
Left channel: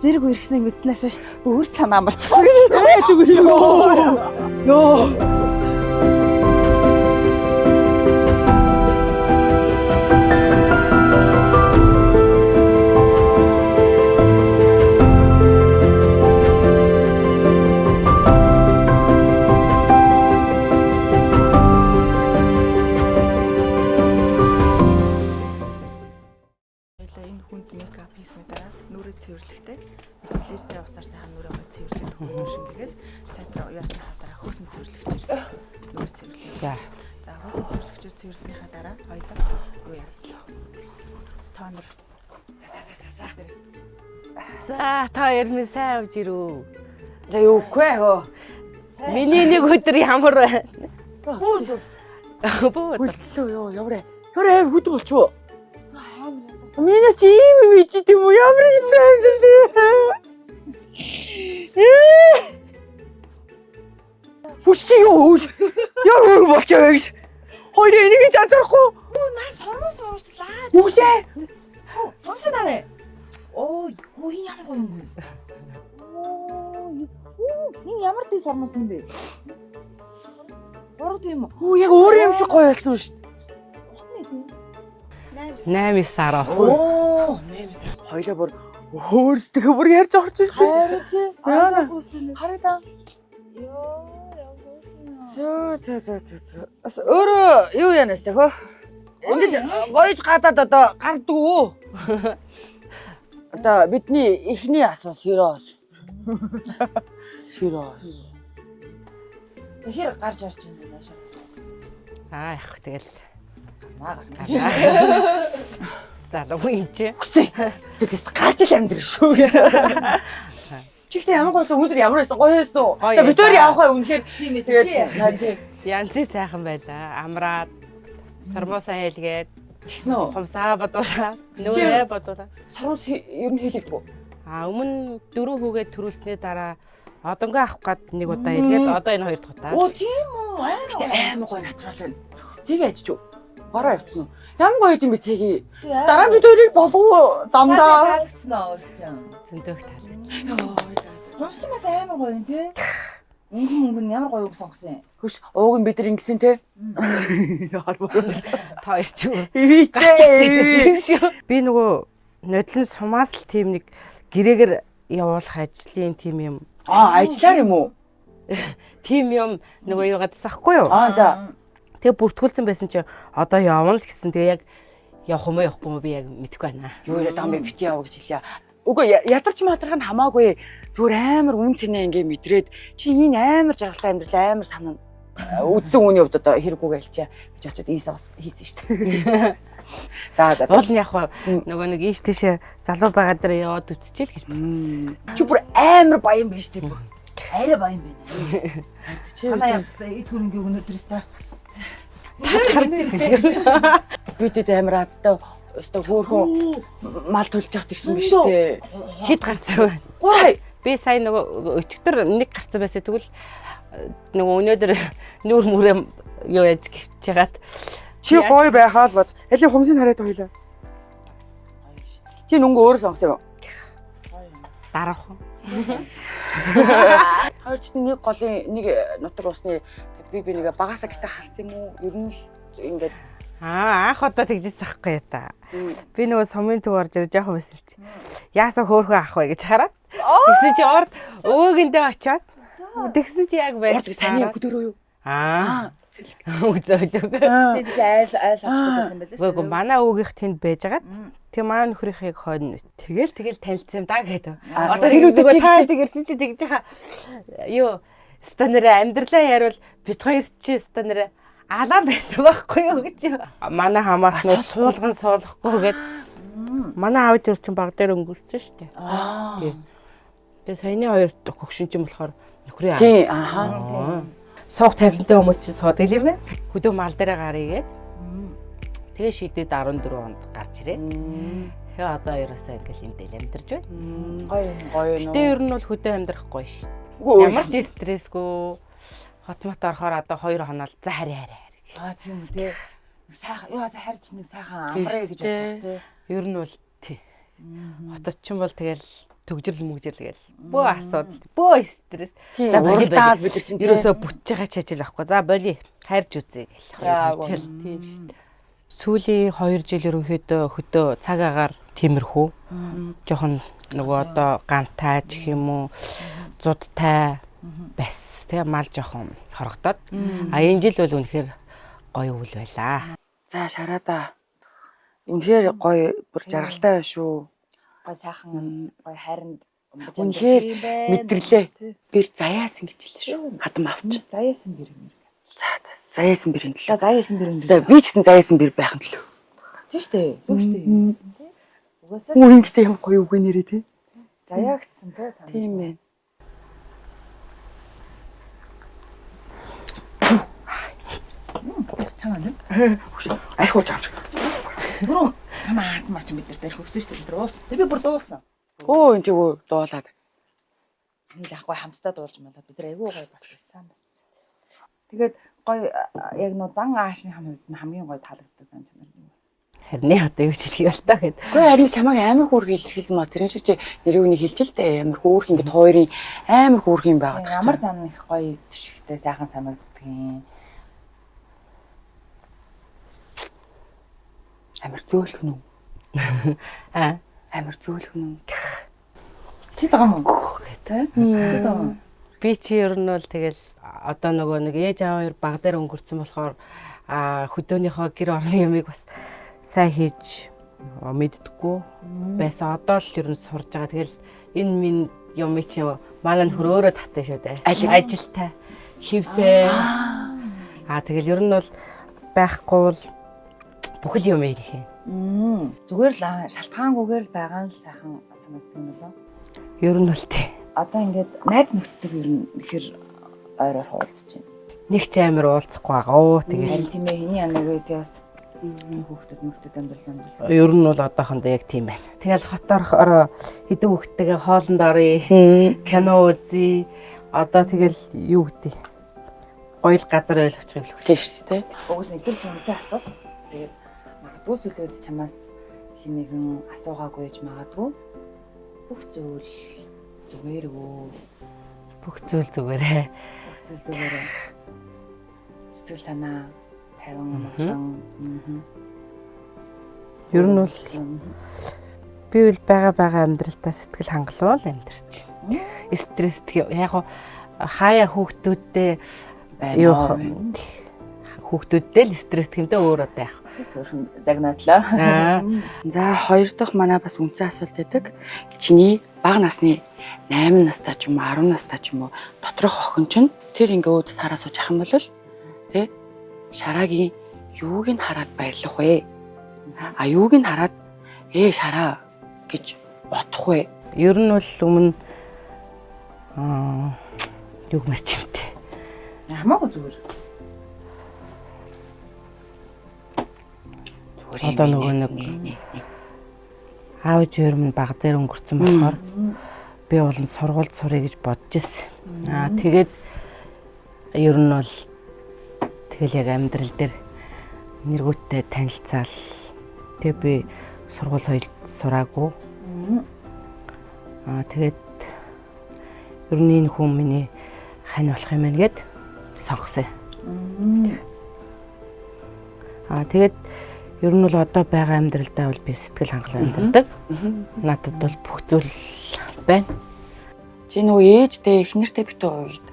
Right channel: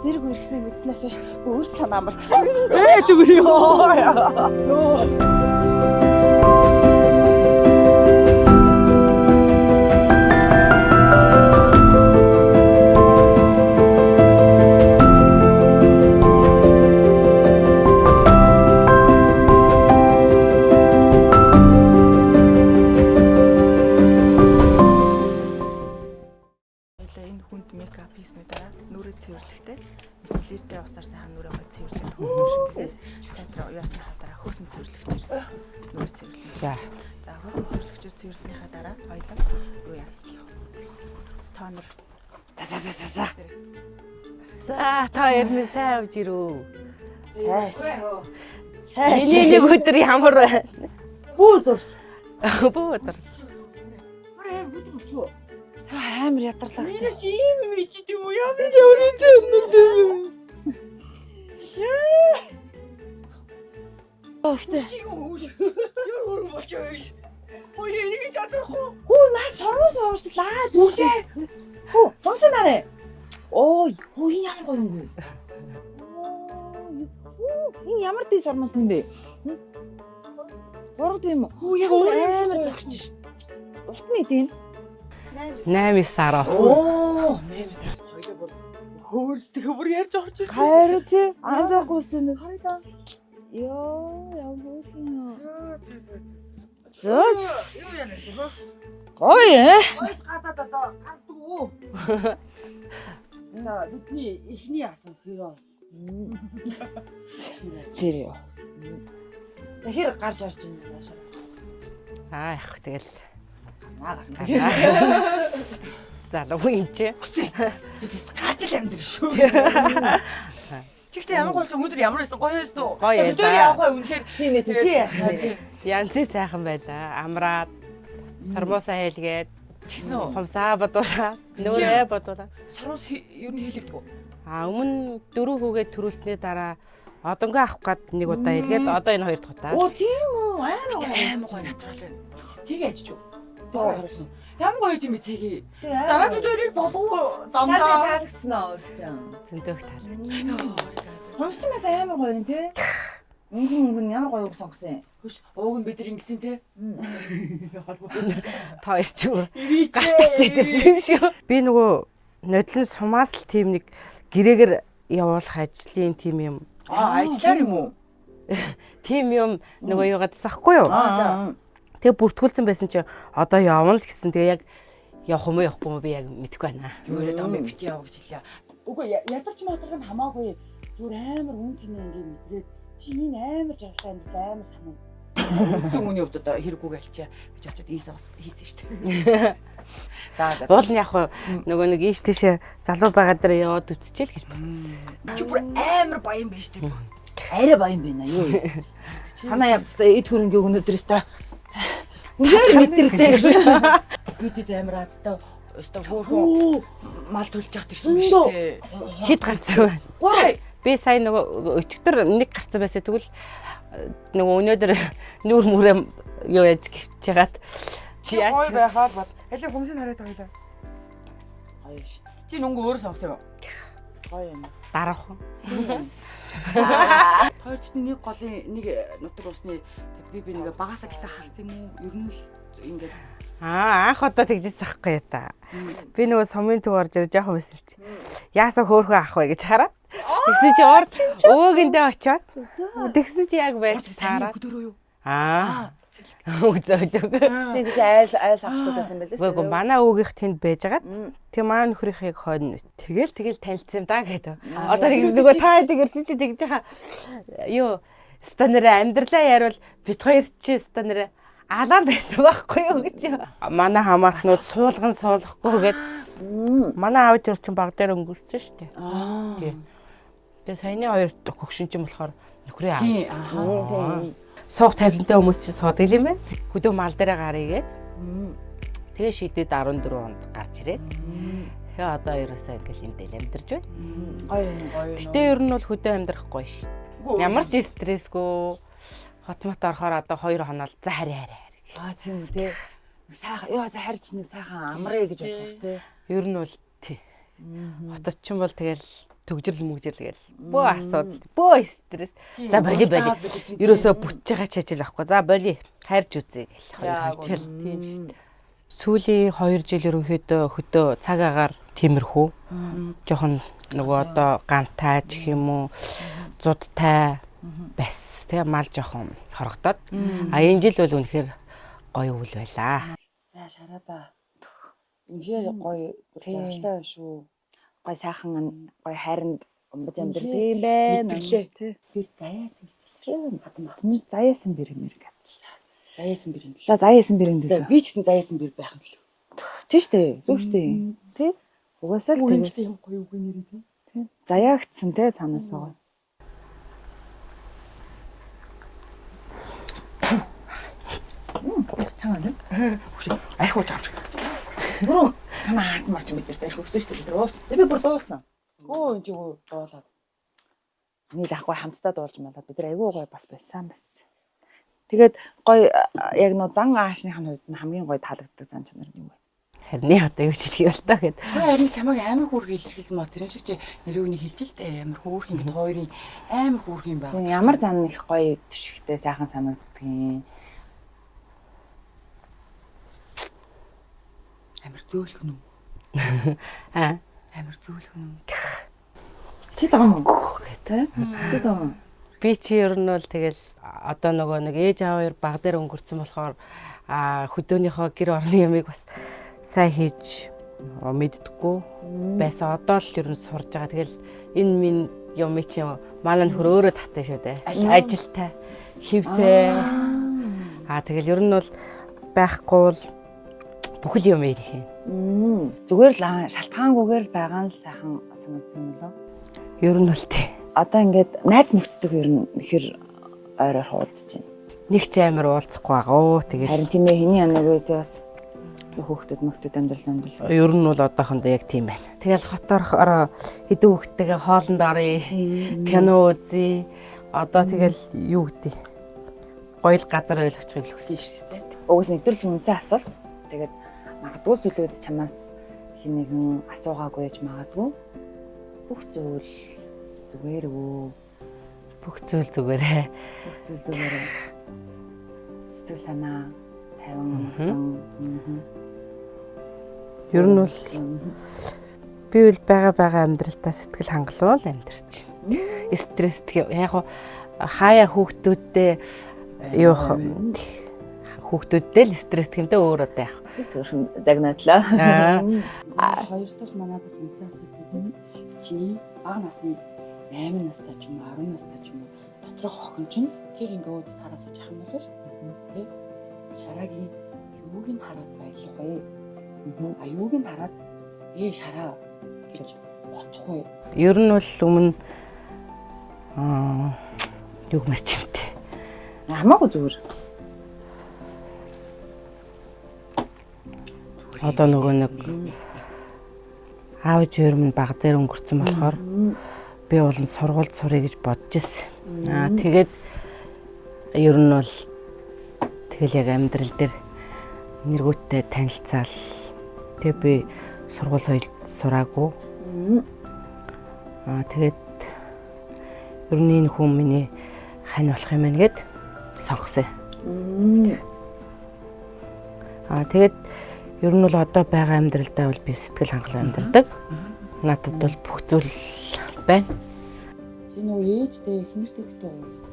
зэрэг үргэснийг мэдснээс хойш өөрт санаа амарчихсан. Зүгээр ёо. Энэ хүнд мейкап хийсний дараа нүрээ цэвэрлэхдээ мицлэртэй усаар сайхан нүрээ гой цэвэрлээд хөвгөн шингээгээд сайхан уяасны хатараа хөөсөн цэвэрлэгчээр нүрээ цэвэрлэе. За хөөсөн цэвэрлэгчээр цэвэрлснийхаа дараа хоёлоо юу яа. Тонор. За та ярмын сайн авж ирүү. За юугүй хөө. Миний нэг өдөр ямар байна? Буудус. Буудус. Ёо явраа. Хөрөө хөдөө болчихоо. Амар ядарлаа. Миний чи ийм юм чи тийм үү? Ямар юм. Хүчтэй юу? Яа хөрөө болчихоо гэж. Хоёр энийг зарахгүй. Оо наа сорвоос уурчлаа. Үгүй. Оо зовсон нарэ. Оо энэ ямар гоё юм бэ? Энэ ямар дэс сормос юм бэ? Урд юм. Яг өөр юм шиг гоё болсон шүү дээ. Утны тийм. 8 сар. Оо 8 сар. Хоёлаа бүр өөрсдөө бүр ярьж орж ирсэн. Харин тий. Аа гүйсэн. Хараа. Зөө. Юу янаас тэ хөө? Гойж гадаад одоо гарддаг уу? Одоо бидний эхний асуу сэрос. Сэрё. Тэгэхээр гарч орж ийн наашаа. Их тэгэл. залуу юм чи. Тэс гарч ил амьдрал шүү. Чихтэй ямар гоё өнөөдөр ямар байсан гоё байсан уу? Гоё Бид өөр явах бай үнэхээр тийм ээ чи яасан. Янзын сайхан байлаа. Амраад сармуусаа хэлгээд хумсаа бодуулаа. Нүрээ бодуулаа. Сарус ер нь хэлэгдэг үү? Өмнө 4 хүүгээ төрүүлсний дараа одонгоо авах гээд нэг удаа хэлгээд одоо энэ хоёр дахь удаа. Оо тийм үү? Амар гоё натурал байна. Цэгийг ажиж юу? Бараа явчихна. Ямар гоё юм бэ цэгийг? Дараа бид хоёрыг болов замдаа. Таалагдсан аа өөрчн. Зөндөөх таалагдсан. Хумсчмаас амар гоё юм те. Өнгөн ямар гоё үг сонгосон юм. Хөш ууг нь бид нар ингэсэн те. Та хоёр ч юу. Гацчихсан юм шүү. Би нөгөө нодлон сумаас л тийм нэг гэрээгээр явуулах ажлын тим юм. Ажиллаар юм уу? Тим юм нөгөө юу гадсахгүй юу? За. Тэгээ бүртгүүлсэн байсан чи одоо явна л гэсэн. Тэгээ яг явах юм уу явахгүй юм би яг мэдэхгүй байна. Юу яриад байгаа юм бит яав гэж хэлье. Үгүй ядарч матрах нь хамаагүй. Зүгээр амар үн цэнэ ингээ мэдрээд чи энэ амар жаргалтай амьдрал амар санаа үдсэн үний хувьд одоо хэрэггүйгээ хэлчихье. Би ч очиод ийсээ хийсэн шүү дээ. За Уул нь яг нөгөө нэг ийш тийшээ залуу байгаа дээр яваад үтчихэл гэж бодсон. чи бүр амар баян байна шүү дээ. Арай баян байна юу. Танаа явцтай эд хөрөнгөө өнөөдрөөс та Бидэд амар азтай өстө хөөхөн мал төлж явах гэсэн биш үү? Хэд гарсан вэ? Би сая нөгөө өчигдөр нэг гарсан байсан тэгвэл нөгөө өнөөдөр нүүр мүрээ юу яаж гівч ягаад чи гоё байхаад бод. Элийн хумсыг хараад хоёлаа. Чи нүнгөө өөрөө сонгосон юм. Гоё юм. дараах. Таарч нэг голын нэг нутаг усны би нэг багасаа гитэ харсан юм уу? Ер нь ингээд Анх удаа тэгжсэн байхгүй та. Би нөгөө сумын төв орж ирж жоохон байсан чи. Яасаа хөөхөө авах вэ гэж хараад. Тэгсэн чи орж өвөөгөндөө очиод. Тэгсэн чи яг байж таараад. Хөдөрөө юу? Үзөөдөг. Тэг чи айл авчихсан байсан байл шүү. Үгүй манай өвгийнх тэнд байжгаад тэгээ манай нөхрийнхийг хойно. Тэгэл танилцсан юм да гэдэг. Одоо нөгөө та тэгэрсэн чи тэгж яха. Юу стандараа амьдралаа яривал бит хоёр чи стандараа алаан байсан байхгүй юу гэж. Манай хамаатнууд суулган суулгахгүйгээд манай аав тэр чинь баг дээр өнгөрсөн шүү дээ. Тий. Тэгээ саяны хоёр хөгшин чинь болохоор нөхрийн аав. Тий. Суух тавилантай хүмүүс чинь суудаг юм байна. Хөдөө мал дээр гарыгээд. Тэгээ шидэд 14 онд гарч ирээ. Тэгээ одоо ерөөсөө ингээл энэ дээл амьдарч байна. Гоё. Гэтэ ер нь бол хөдөө амьдрахгүй шүү дээ. Ямар ч стрессгүй. Хотмот орохоор одоо 2 хоноод за хараа. Тийм үү те. Сайхан ёо за харж нэг сайхан амраа гэж бодлоо те. Ер нь бол тий. Хотод ч юм бол тэгэл төгжрөл мөгжрөл гээл. Бөө асуудал, бөө стресс. За боли. Ерөөсөө бүтж байгаа ч ажил авахгүй. За боли хайрж үзье гэл. Хичээл тийм шүү дээ. Сүүлийн 2 жил ерөнхийдөө хөдөө цаг агаар тиймэрхүү. Жохон нөгөө одоо гантай ч юм уу, зудтай бас тэгээ мал жоохон хорогдоод. Энэ жил бол үнэхээр гоё үйл байлаа. За шараада. Үнэхээр гоё бүр жаргалтай байна шүү. Гоё сайхан гоё хайранд үнэхээр мэдэрлээ. Би заяасан гэж хэлсэн шүү. Хадам авч. Заяасан бэр юм иргэ. Заяасан бэр юм лээ. Заяасан бэр юм Би ч гэсэн заяасан бэр байх юм лээ. Тийм шүү дээ. Зөв шүү дээ. Тэ? Угаасаа Үүнтэй юм гоё үг нэрээ тий. заяагдсан те цаанаас нь. Чамаа архивч авч. Түрүү танаа марч мэдэрч архив өгсөн шүү дээ. Уус. Би бүр дуулсан. Оо энэ чиг дуулаад. Нийл ахгүй хамтдаа дуулж мадаа бид нар айгүй гой бас байсан бас. Тэгээд гой яг нөө зан аашныхын хувьд нь хамгийн гой таалагддаг зан чанар нь юу вэ? Харин одоо юу хэлэх юм бол та гэд. Харин чамайг амар хөөрхөн илэрхийлсэн маа тэр шиг чи нэрийг нь хэлж л дээ амар хөөрхөн ингээд хоёрын амар хөөрхөн байгаа. Ямар зан их гоё төшигтэй сайхан санагддаг юм. Амар зөөлхөн үү? Амар зөөлхөн үү? Чи таам гэдэг. Чи таам. Би чи ер нь бол тэгэл одоо нөгөө нэг ээж аав хоёр баг дээр өнгөрцөн болохоор хөдөөнийхөө гэр орны ямыг бас сайн хийж мэддэггүй байсан. Одоо л ер нь сурж байгаа. Тэгэл энэ минь юм чи манай нөхөр өөрөө татсан шүү дээ. Ажилтай хевсээ. Тэгэл ер нь бол байхгүй бол бүхэл юм ирэх юм. Зүгээр л шалтгаангүйгээр байгаа нь сайхан санагддаг юм болоо. Ер нь бол тий. Одоо ингээд найз нөхдөдөө ер нь ихэр ойроор хуулдаж байна. Нэг ч амар уулзахгүй байгаа. Тэгэл Харин тийм ээ хэний яна рүүгээ бас хүүхдүүд амьдрал. ер нь бол одоохондоо яг тийм байна. Тэгэл хотоорохоор хэдэн хүүхдтэйгээ хоолнд оръё. Кино үзье. Одоо тэгэл юу гэдэг. Гоё л газар ойлгочихыг хүсэж шүү дээ. Угс нэвтрүүлэх үнцэн асуул. Тэгээд магадгүй сүлээд чамаас хин нэгэн асуугаагүй гэж магадгүй. Бүх зүйл зүгээргүй. Бүх зүйл зүгээрээ. Бүх зүйл зүгээрээ. Сэтгэл санаа тайван. Ер нь бол би бол байгаа амьдралтаа сэтгэл хангалуул амьдарч байна. Стресстэй яг хаяа хүүхдүүдтэй юу хүүхдүүдтэй л стресс гэмтэй өөр одоо яг. Өөрхөн загнаадлаа. За хоёр дахь манай бас үнцэн асуулт байдаг. Чиний бага насны 8 настай ч юм уу 10 настай ч юм уу доторх охин чинь тэр ингээ өөд сараа сууж ах юм бол тэ Шараагийн юуг нь хараад баярлах вэ? А юуг нь хараад Шараа гэж бодох вэ? Ер нь бол өмнө юуг марч юмтэй. Хамаагүй зүгээр. Одоо нөгөө нэг аав ээж минь баг дээр өнгөрцөн болохоор би бол сургуульд сурыг гэж бодож ирсэн. Тэгээд ер нь бол тэгэл яг амьдрал дээр нэргүүттэй танилцаал. Тэгээ би сургууль соёлд сураагүй. Тэгээд ер нь энэ хүн миний хань болох юм байна гэд сонгосон. Тэгээд ер нь бол одоо байгаа амьдралдаа бол би сэтгэл хангалуун амьдардаг. Надад бол бүх зүйл байна. Чи нөгөө ээжтэй эхнэртэй битүү ууйд.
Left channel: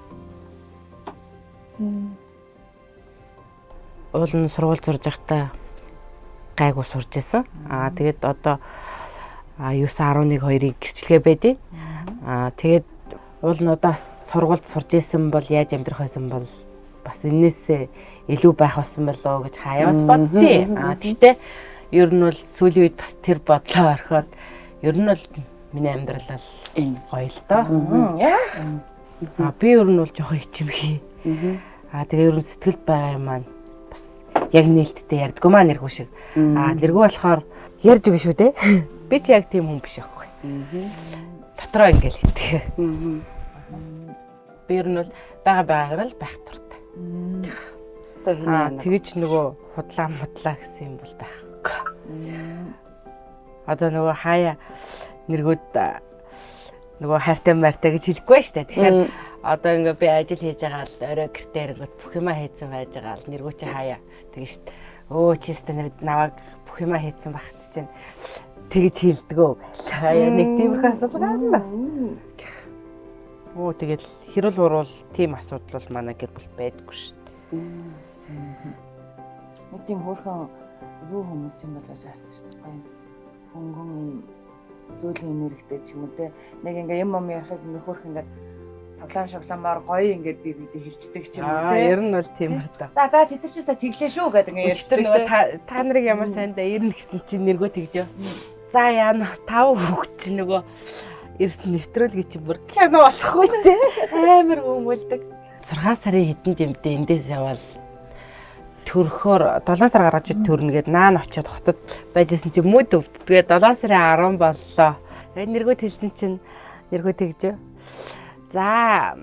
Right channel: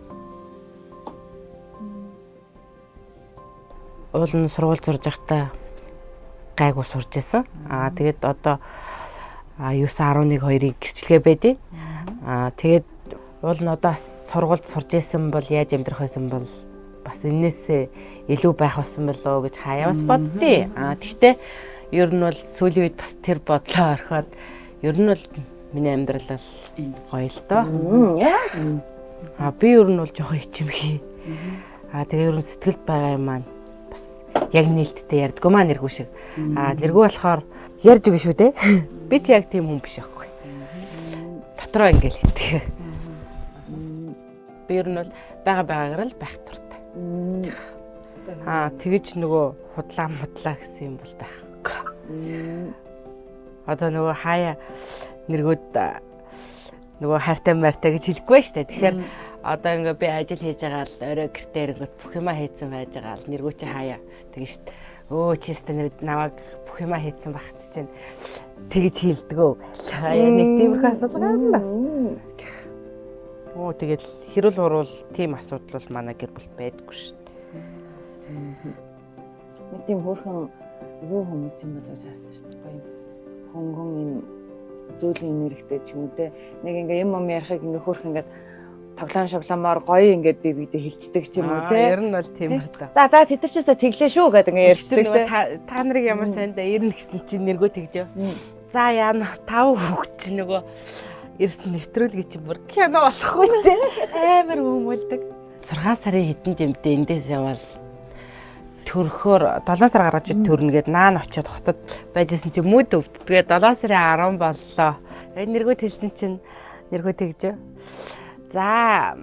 Уул нь сургууль сурж байхдаа гайгүй сурж исэн. Тэгээд одоо 9-11-2-ыг гэрчлэгээ байдیں۔ Тэгээд уул нь одоо сургуульд сурж исэн бол яаж амьдрах байсан бол бас энээсээ илүү байх болсон болоо гэж хаяас боддیں۔ Тэгтээ ер нь бол сүүлийн үед бас тэр бодлоо орхиод ер нь бол миний амьдрал бол энэ гоё л доо. Би ер нь бол жоохон ичимхий. Тэгээ ер нь сэтгэлд байгаа юм маань бас яг нээлттэй ярьдгүй маа нэргүй шиг. Нэргүй болохоор ярьж өгнө шүү дээ. Би ч яг тийм хүн биш байхгүй. Дотроо ингээл хэлдэг. Би ер нь бол байгаагаар л байх туртай. Тэгэж нөгөө худлаа гэсэн юм бол байхгүй. Одоо нөгөө хаяа нэргүүд нөгөө хайртай мартай гэж хэлэхгүй шүү дээ. Тэгэхээр одоо ингээ би ажил хийж байгаа л орой гэртээ ирэнгүүт бүх юма хийцэн байж байгаа л нэргүү чи хаяа тэгэж шүү дээ. Чистэ нэр наваг бүх юма хийцэн багт чинь тэгэж хэлдэгөө байлаа. Яг нэг тиймэрхүү асуудал гарна. Тэгэл хэрүүл урвал тийм асуудал бол манай гэр бүл байдаггүй шүү. Нэг тийм хөөрхөн юу хүмүүс юм болж харсан шүү дээ. Гоё хөнгөн юм зөөлөн энергитэй ч юм уу те. Нэг ингээ юм ярихыг ингээ хөөрхөн ингээ тоглоом шавламаар гоё ингээ бибидээ хилчдэг ч юм уу те. Ер нь бол тийм л да. За тэд нар ч гэсэн тэглээ шүү гэдэг ингээ ярьдаг. Нөгөө та нарыг ямар сайндаа ирнэ гэсэн чинь нэргөө тэгжөө. За яана 5 хүүхд чинь нөгөө ирсэн нэвтрүүлгээ чи бүр кино болохгүй те. Амар хүмүүлдэг. 6 сарын хэдэнд юмдээ эндээс явал төрөхөөр 7 сар гаргаж төрнө гэд наан очиод хотод байжсэн чи мөд өвд. Тэгээд 7 сарын 10 боллоо. Тэгээд нэргөө хэлсэн чинь нэргөө тэгжөө. За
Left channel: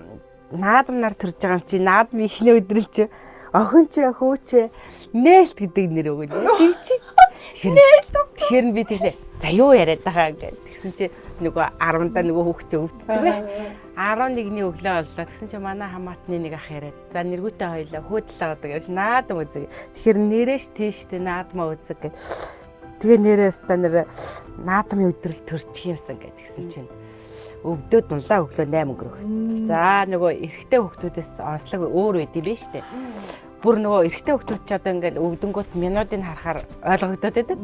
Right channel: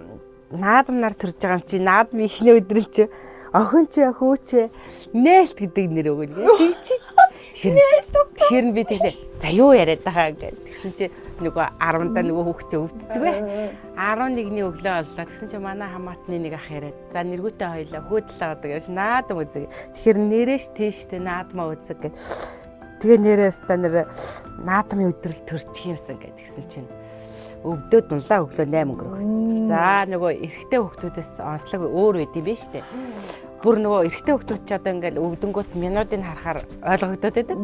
наадам нар төрж байгаа юм чи наадам ихний өдрөл чи охин чи хүү чи нээлт гэдэг нэр өгнө. Тэг чи. Тэгэхээр би тэглээ. За юу яриад байгаа гэдэг. Тэгсэн чи нөгөө 10-да нөгөө хүүхдээ өвддөг бай. 11-ний өглөө боллоо. Тэгсэн чи манай хамаатны нэг ах яриад. За нэргүүтэй хоёлаа хөөдлөө гэдэг явж наадам үзэг. Тэгэхээр нэрэж тийштэй наадмаа үзэг гэд. Тэгээ нэрээс та нэр наадмын өдрөл төрчих юмсан гэд. Тэгсэн чинь өвдөөд дунлаа өглөө 8 өнгөрөх. За нөгөө эрэгтэй хүүхдүүдээс онцлог өөр үед юм биш үү? Бүр нөгөө эрэгтэй хүүхдүүд ч одоо ингээл өвдөнгөт минутыг харахаар ойлгогдоод байдаг.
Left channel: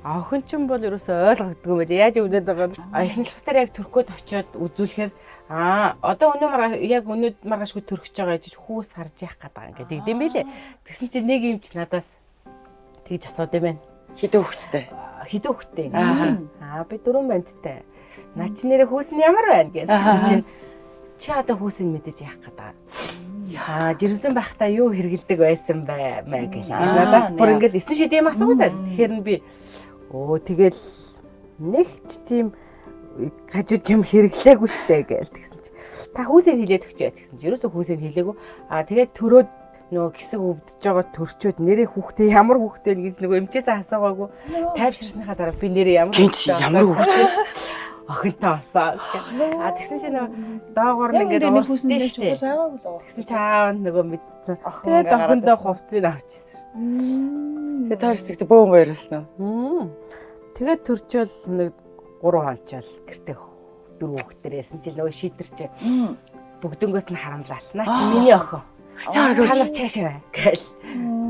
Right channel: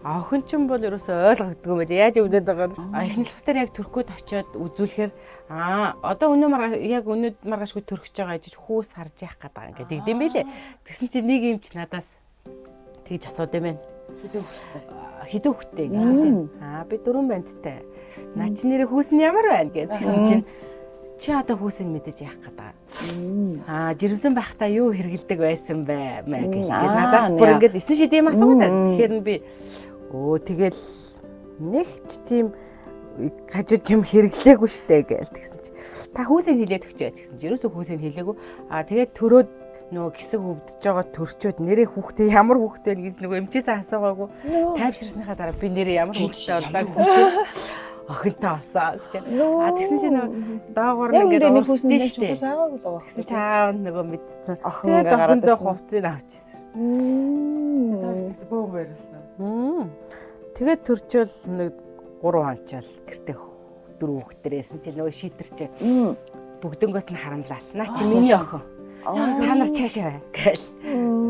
Охин ч юм бол ерөөсөө ойлгогддгүй юм байна. Яаж өвдөд байгаа нь эхнэл хустаар яг төрхөд очиод үзүүлэхээр одоо яг өнөөд маргаашгүй төрөх гэж байгаа гэж хүүс харж яах гээд байгаа ингээд тэгдэм байлээ. Тэгсэн чинь нэг юм ч надаас тэгж асууд юм байна. Хідэн хөхтэй. Хідэн хөхтэй гэж. Би 4 бандтай. Наа чи нэрээ хүүс нь ямар байна гэдэг чинь чи одоо хүүсийг мэдэж яах гэдэг. Жирэмсэн байхдаа юу хэргэлдэг байсан бай маа гэж. Надаас бүр ингээд 9 шидэм асуугаад байна. Тэгэхээр би тэгэл нэг ч тийм гажууд юм хэрэглээгүй штэ гээл тэгсэн чи. Та хүүсийг хилээд өгчээ гэсэн чи. Ерөөсөө хүүсийг хилээгүй. Тэгээд төрөөд нөгөө гисэг өвдөж байгаа төрчөөд нэрээ хүүхдээ ямар хүүхдээ гэж нөгөө эмчээсээ асуугаагүй. Тайвширсныхаа дараа би нэрээ ямар хүүхдээ ямар хүүхдээ охинтой болсоо гэж. Тэгсэн чи нөгөө доогоор нь ингээд уурсдээ штэ. Тэгсэн чи аав нөгөө мэдсэн. Тэгээд охиндоо хувцсыг авчихсан. Тэгээд таарсдагт бөөн гоёрлсон. Тэгээд төрчөөл нэг 3 хончаал гэртээ 4 хүүхдээр ярьсан чи нөгөө шийтерч бүгднгөөс нь харамлал. Наа чи миний охин. Та нар цаашаа бай гээл.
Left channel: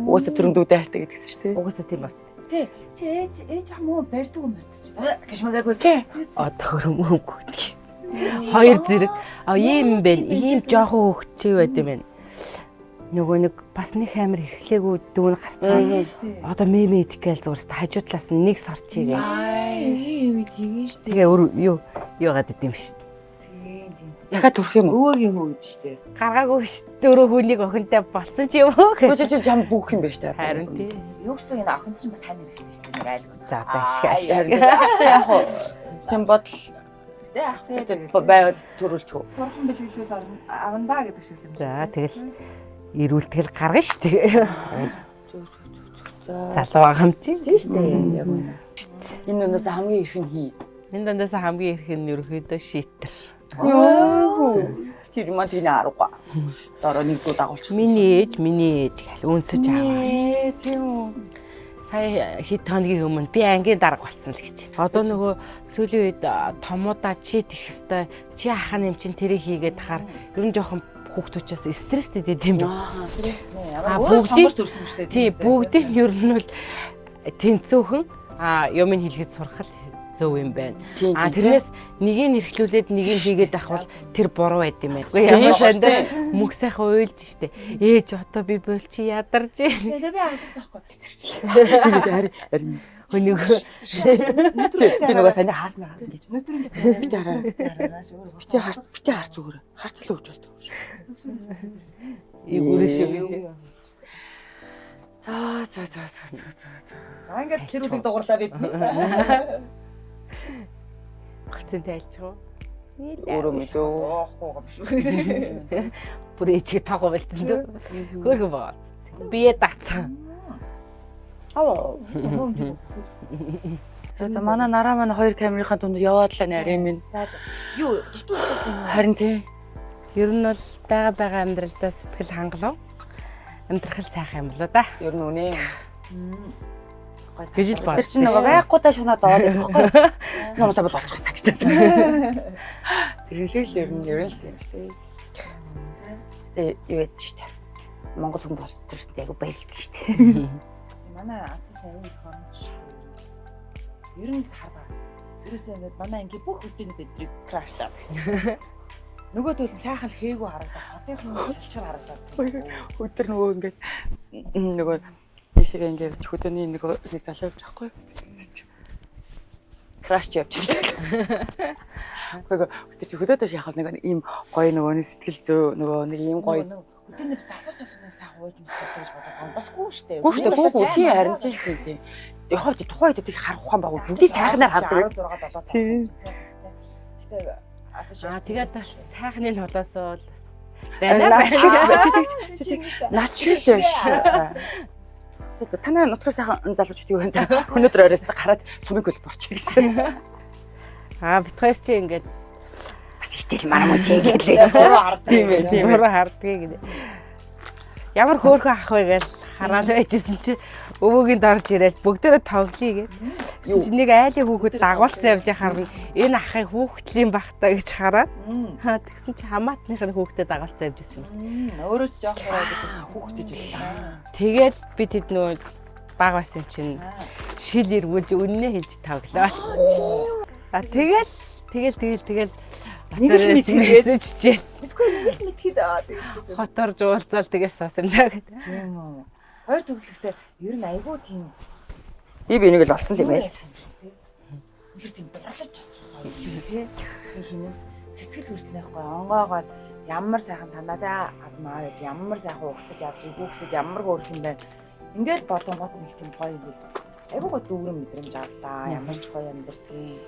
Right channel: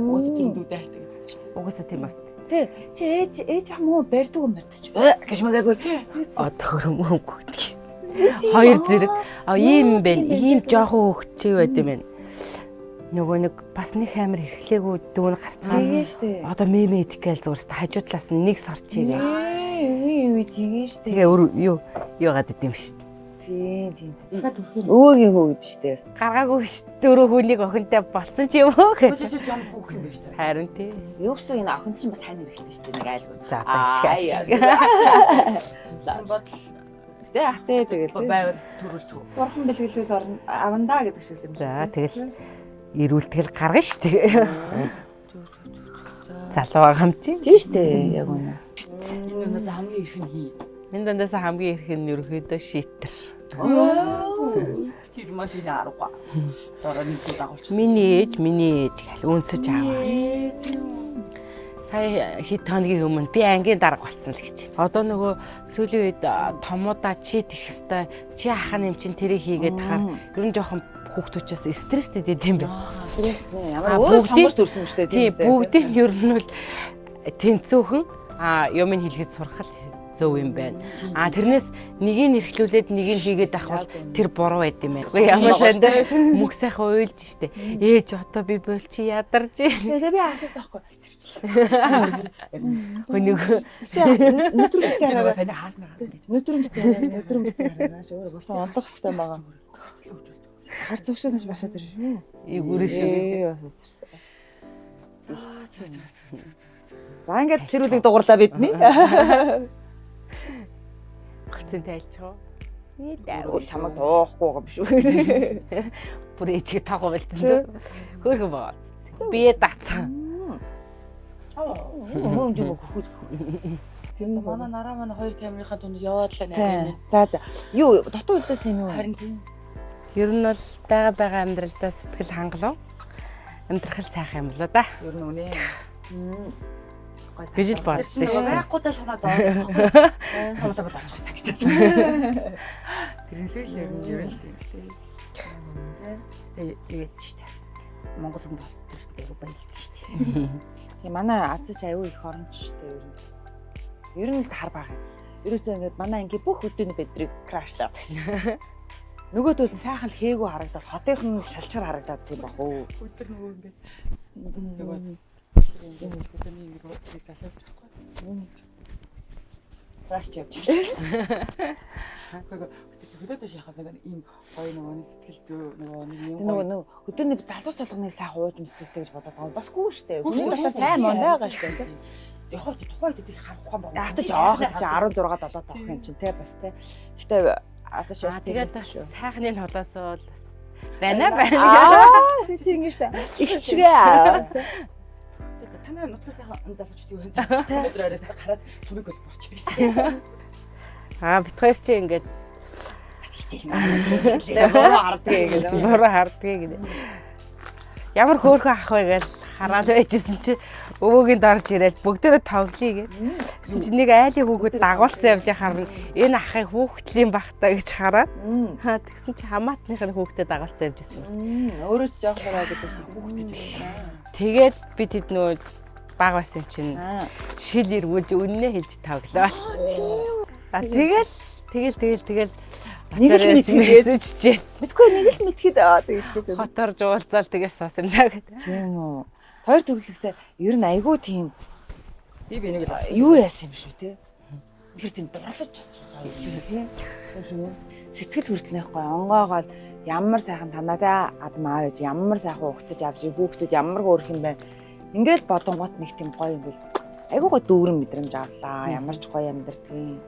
Уусаа төрөндүүдээ хайртай гэдэгс шүү дээ. Угаасаа тийм бас. Тий. Чи ээж хамаа барьдаг юм барьчих. Гэж мэгаагүй тий. Төгрөм өнгө гэдэг. Хоёр зэрэг ийм байна. Ийм жоохон хөвгчээ байд юм байна. Нөгөө нэг бас нэг амир эрхлээгүй дүүн гарцгаа. Одоо мемэ идгээл зурс хажуудлаас нэг сорчигээ. Юу тийм шүү. Тэгээ юу яагаад идэм шүү. Тийм. Ягаад төрөх юм? Өөгийн хөө гэж штэ. Гаргаагүй ш 4 хүнийг охинтой болцсон ч юм уу гэж. Чи жам бүх юм байна штэ. Харин тий. Юу гэсэн энэ охин чинь бас хань хэрэгтэй штэ нэг айлгууд. За одоо ишгаш. Тийм бодол. Тэ ахтэй тэгэл. Байвал төрүүлчих. Бурхан бэлгэлүүл авандаа гэдэг шиг юм. За тэгэл ирүүлтгэл гаргана ш тэгээ. Залуу байгаа юм чи. Тийм штэ. Яг үнэ. Энэ өнөөс хамгийн их нь хий. Энэ дандаас хамгийн их нь ерөөхдөө шийтэр. Тэр мань энэ арга. Дараа нэг удаа дагуулчих. Миний ээж гэл үнсэж аваа. Тийм үү. Сая хэд хоногийн өмнө би ангийн дарга болсон л гэж. Одоо нөгөө сүүлийн үед томуудаа чи тэх хэвээр чи ахын юм чин тэрийг хийгээд тахаар ер нь жоохон хүүхдүүчээс стресстэй дэдэм бэ. Бүгдийг төрсөн шүү дээ. Тийм бүгдийг нь ер нь бол тэнцүүхэн юм хэлгээд сурах л зөв юм байна. Тэрнээс нэгийг нэрхлүүлээд нэгийг хийгээд авах бол тэр буруу байд юм байна. Үгүй ямар сандаа мөх сайхан уйлж штэ. Ээж одоо би болчи ядарч. Тэгээ би асаас авахгүй. Хөнөөгөө чи нөгөө сайн хааснаа гэж. Өнөөдөр хараааш өөрөө гоо. харцах хэрэгтэй харц зүгээр. Харцлаа өгч болдог. Харц өгсөөс басаад ир. Үрээ шүү гэж. За ингээд тэрүүлийг дугуурлаа бидний. Гэртэн тайлцгаа. Өөрөө чамд оохгүй юм шүү. Бүр ээжиг тагуу болтон. Хөөрхөн баа. Бие датсан. Юм жиг хөл. За манай нараа манай 2 камерынхаа дунд яваад л нэ. За. Юу дотоо үлдээс юм. Харин тий. Ер нь бол байгаа амьдралдаа сэтгэл хангалуун. Амьдрахал сайхан юм болоо да. Ер нь үнэ. Гэж л бод. Тэр нэг байхгүйдаа шунаад аваад байхгүй. Намсаа бол болчих таа гэж. Тэр хэлэл ер нь юм шүү дээ. Юу яд шүү дээ. Монгол хүн бол төрстэй аягүй баярлдаг шүү дээ. Тийм манай Азич аягүй их оромж шүү дээ. Ер нь л хар байгаа. Ерөөсөө ингээд манай анги бүх өдөрний бидрийг крашлаад. Нөгөө төлөв сайхан хийгүү харагдаад хотынхан шалчаар харагдаад байна. Өдөр нөгөө ингээд нөгөө бишээ ингээд хөдөөний нэг залууж байхгүй. Краш явчихсан. Хөдөөдөө яхав нэг ийм гоё нөгөө сэтгэл зөө нөгөө нэг ийм гоё хөдөөний залуус толгоны сайхан ууж мэстэй гэж бодоод байгаа. Басгүй шүү дээ. Хөдөөний харагдаж байна. Яхав чи тухайн үед их харах ухаан байгаа. Хөдөө сайхнаар хардаг 16 7 тоо чинь тий бас тий. Гэтэ тэгээд сайхны холоосоо байна. Наач гэж. Танай нутгаар сайхан залуучууд юу байна? Өнөөдөр оройс гараад сумыг хөл борчих гэсэн. Бид хоёр чи ингээд бас хичээл мармаа чиглээ. Бороо хардгийг гэдэг. Ямар хөөрхөн ах вэ гэж хараад байжсэн чи өвөөгийн дорж ирээл бүгдээрээ тоглоё гэдэг. Чи нэг айлын хүүхэд дагуулсан явж харна. Энэ ахыг хүүхдлийн багтаа гэж хараад. Тэгсэн чи хамаатныхын хүүхдэд дагуулсан явж ирсэн. Өөрөө ч жоох байгаа гэдэг хүүхдэд байлаа. Тэгээд би тэд нөө баг байсан чинь шил эргүүлж үннээ хэлж тоглоо. Тэгэл нэг л мэдчихээ. Мэдгүй нэг л мэдхэд тэгээд хотор жуулзаал тэгээс сосна гэдэг. Тийм үү. Хоёр төрлөختөө ер нь айгүй тийм Би энийг л олсон. Юу яасан юм шүү те. Тэр тийм дурлаж чадсан тий. Сэтгэл хүртэл нэхгүй онгоогоор ямар сайхан танадаа адмаа гэж ямар сайхан угтаж авч хүүхдүүд ямар хөөрх юм бэ. Ингээд бодонгууд нэг тийм гоё юм бэл. Айгуугаа дүүрэн мэдрэмж авлаа. Ямар ч гоё амьдэрдэг.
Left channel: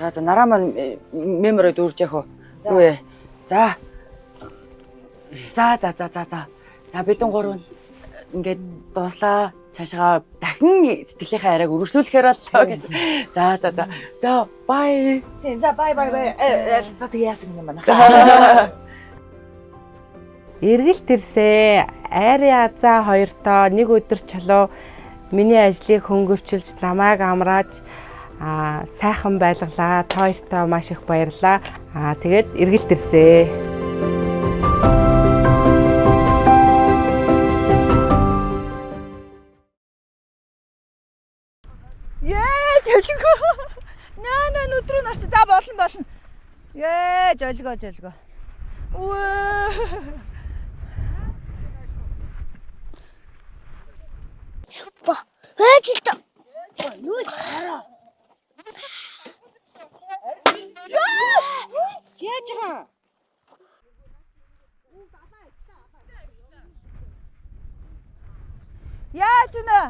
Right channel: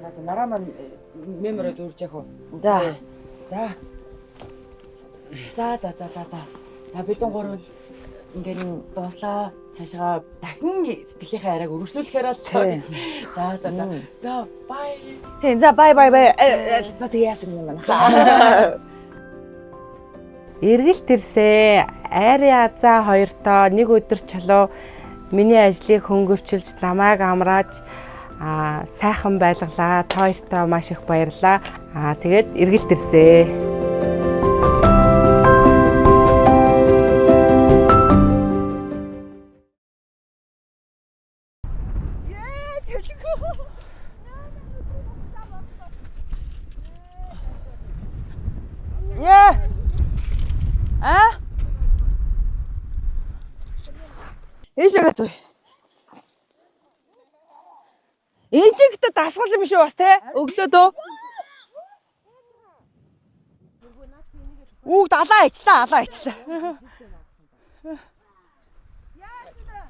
За одоо нараа маань мемороо дүүрж яах вэ? За. За бидэн гурав ингээд дууслаа. Цаашгаа дахин сэтгэлийнхээ арайг өргөжлүүлэхээр л. За бай. Тийм за бай. За тэг яасан юм байна. Эргэлт ирсээ. Айрын азаа хоёртоо нэг өдөр чулуу миний ажлыг хөнгөвчилж намайг амрааж сайхан байлгалаа. Та хоёртоо маш их баярлаа. Тэгээд эргэлт ирсээ. Жолгоо. Наа нүдрүү нарч за болно. Жолгоо. Ийшээ гоё. Ээжэлтэй. Ээжигтэй дасгал юм шүү бас те. Өглөөд үү? Яаж байгаа? Үг алаа ичлаа. Яаж нэ?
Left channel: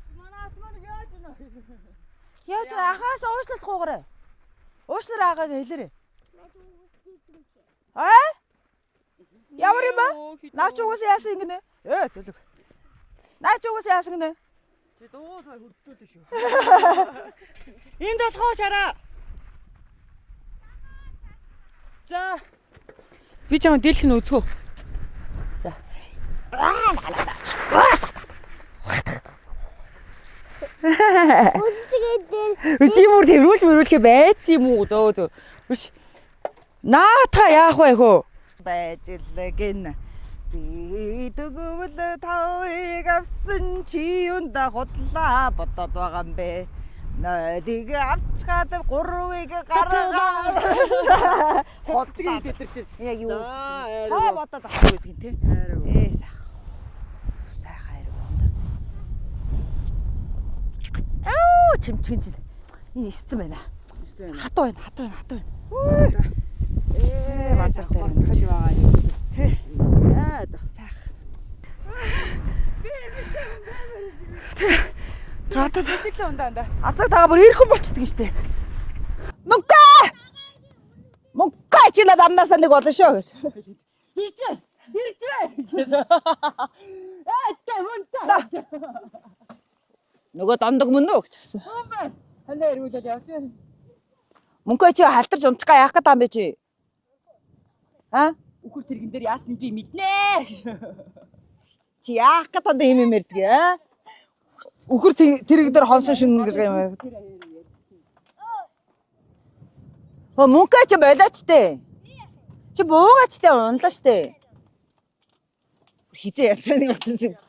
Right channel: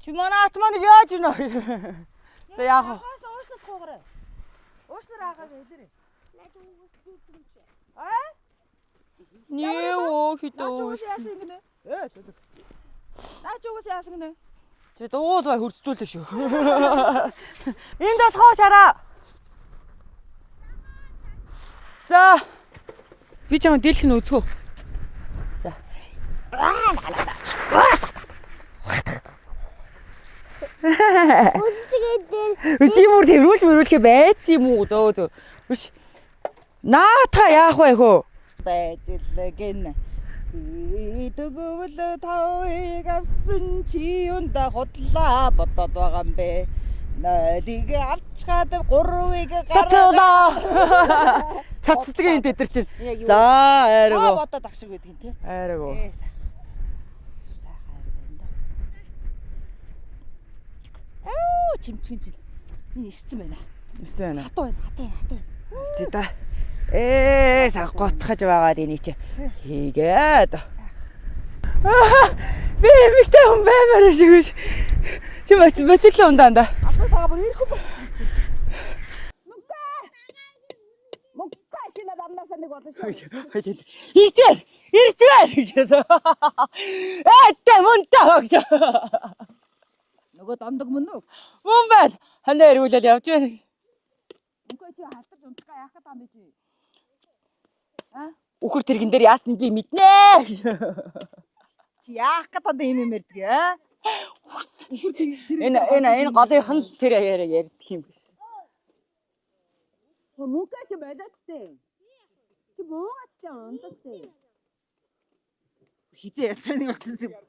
Чимонаат маань яаж нэ? Яаж ахаас уушлахгүйгээрээ. Уушлаар аагааг хэлээрэй. Ямар юм бэ? Наач угаас яасан ингэнэ? Зүлэг. Наач угаас яасан гинэ? Чи дуул бай хурцдүүлээ шүү. Энд болохоо шараа. За. Би чамд дийлэх нь үзгөө. За. Үчимүр тэрүүлж байц юм уу? Зөө. Биш. Наа та яах вэ хөө? Байжлэгэн. Идэгвэл тавыг авсан чи юунда худлаа бодоод байгаа юм бэ? Найдыг авчгаад гурвыг гаргаа. Цацдгийн тэтэр чинь. За айргоо. Бодоод авах гэдэг тийм. Айргоо. Чимчгэн жил. Энэ эсцэн байна. Хатуу байна. За. Цаг готхож байгаа энийг чи. Хийгээд. Би эмэгтэй хүн баймаар шиг биш. Чи боцлоо ундаа. Азар тагаа бүр ирхэн болчихдгийг штэ. Мөнгө чи надад амнасаа нэг болно шүү. Иржээр гэж. Мөнтэй. Нөгөө дондог мөн үү гэж. Мөн байл. Ханаа ирүүлэл явж байна. Мөнгөө чи халтарч унцгаа яах гэдэг юм бэ чи? Үхэр тэрэгэн дээр яасан би мэднэ. Чи яах гэдэг юм мэрдэг аа? Үхэр тэрэгэн дээр хоосон шинэ голынхан тэр ярьдаг юм биш. Мөнгөө чи болооч тээ. Чи буугаач тээ унлаа штэ. Хизээ яцсан юм.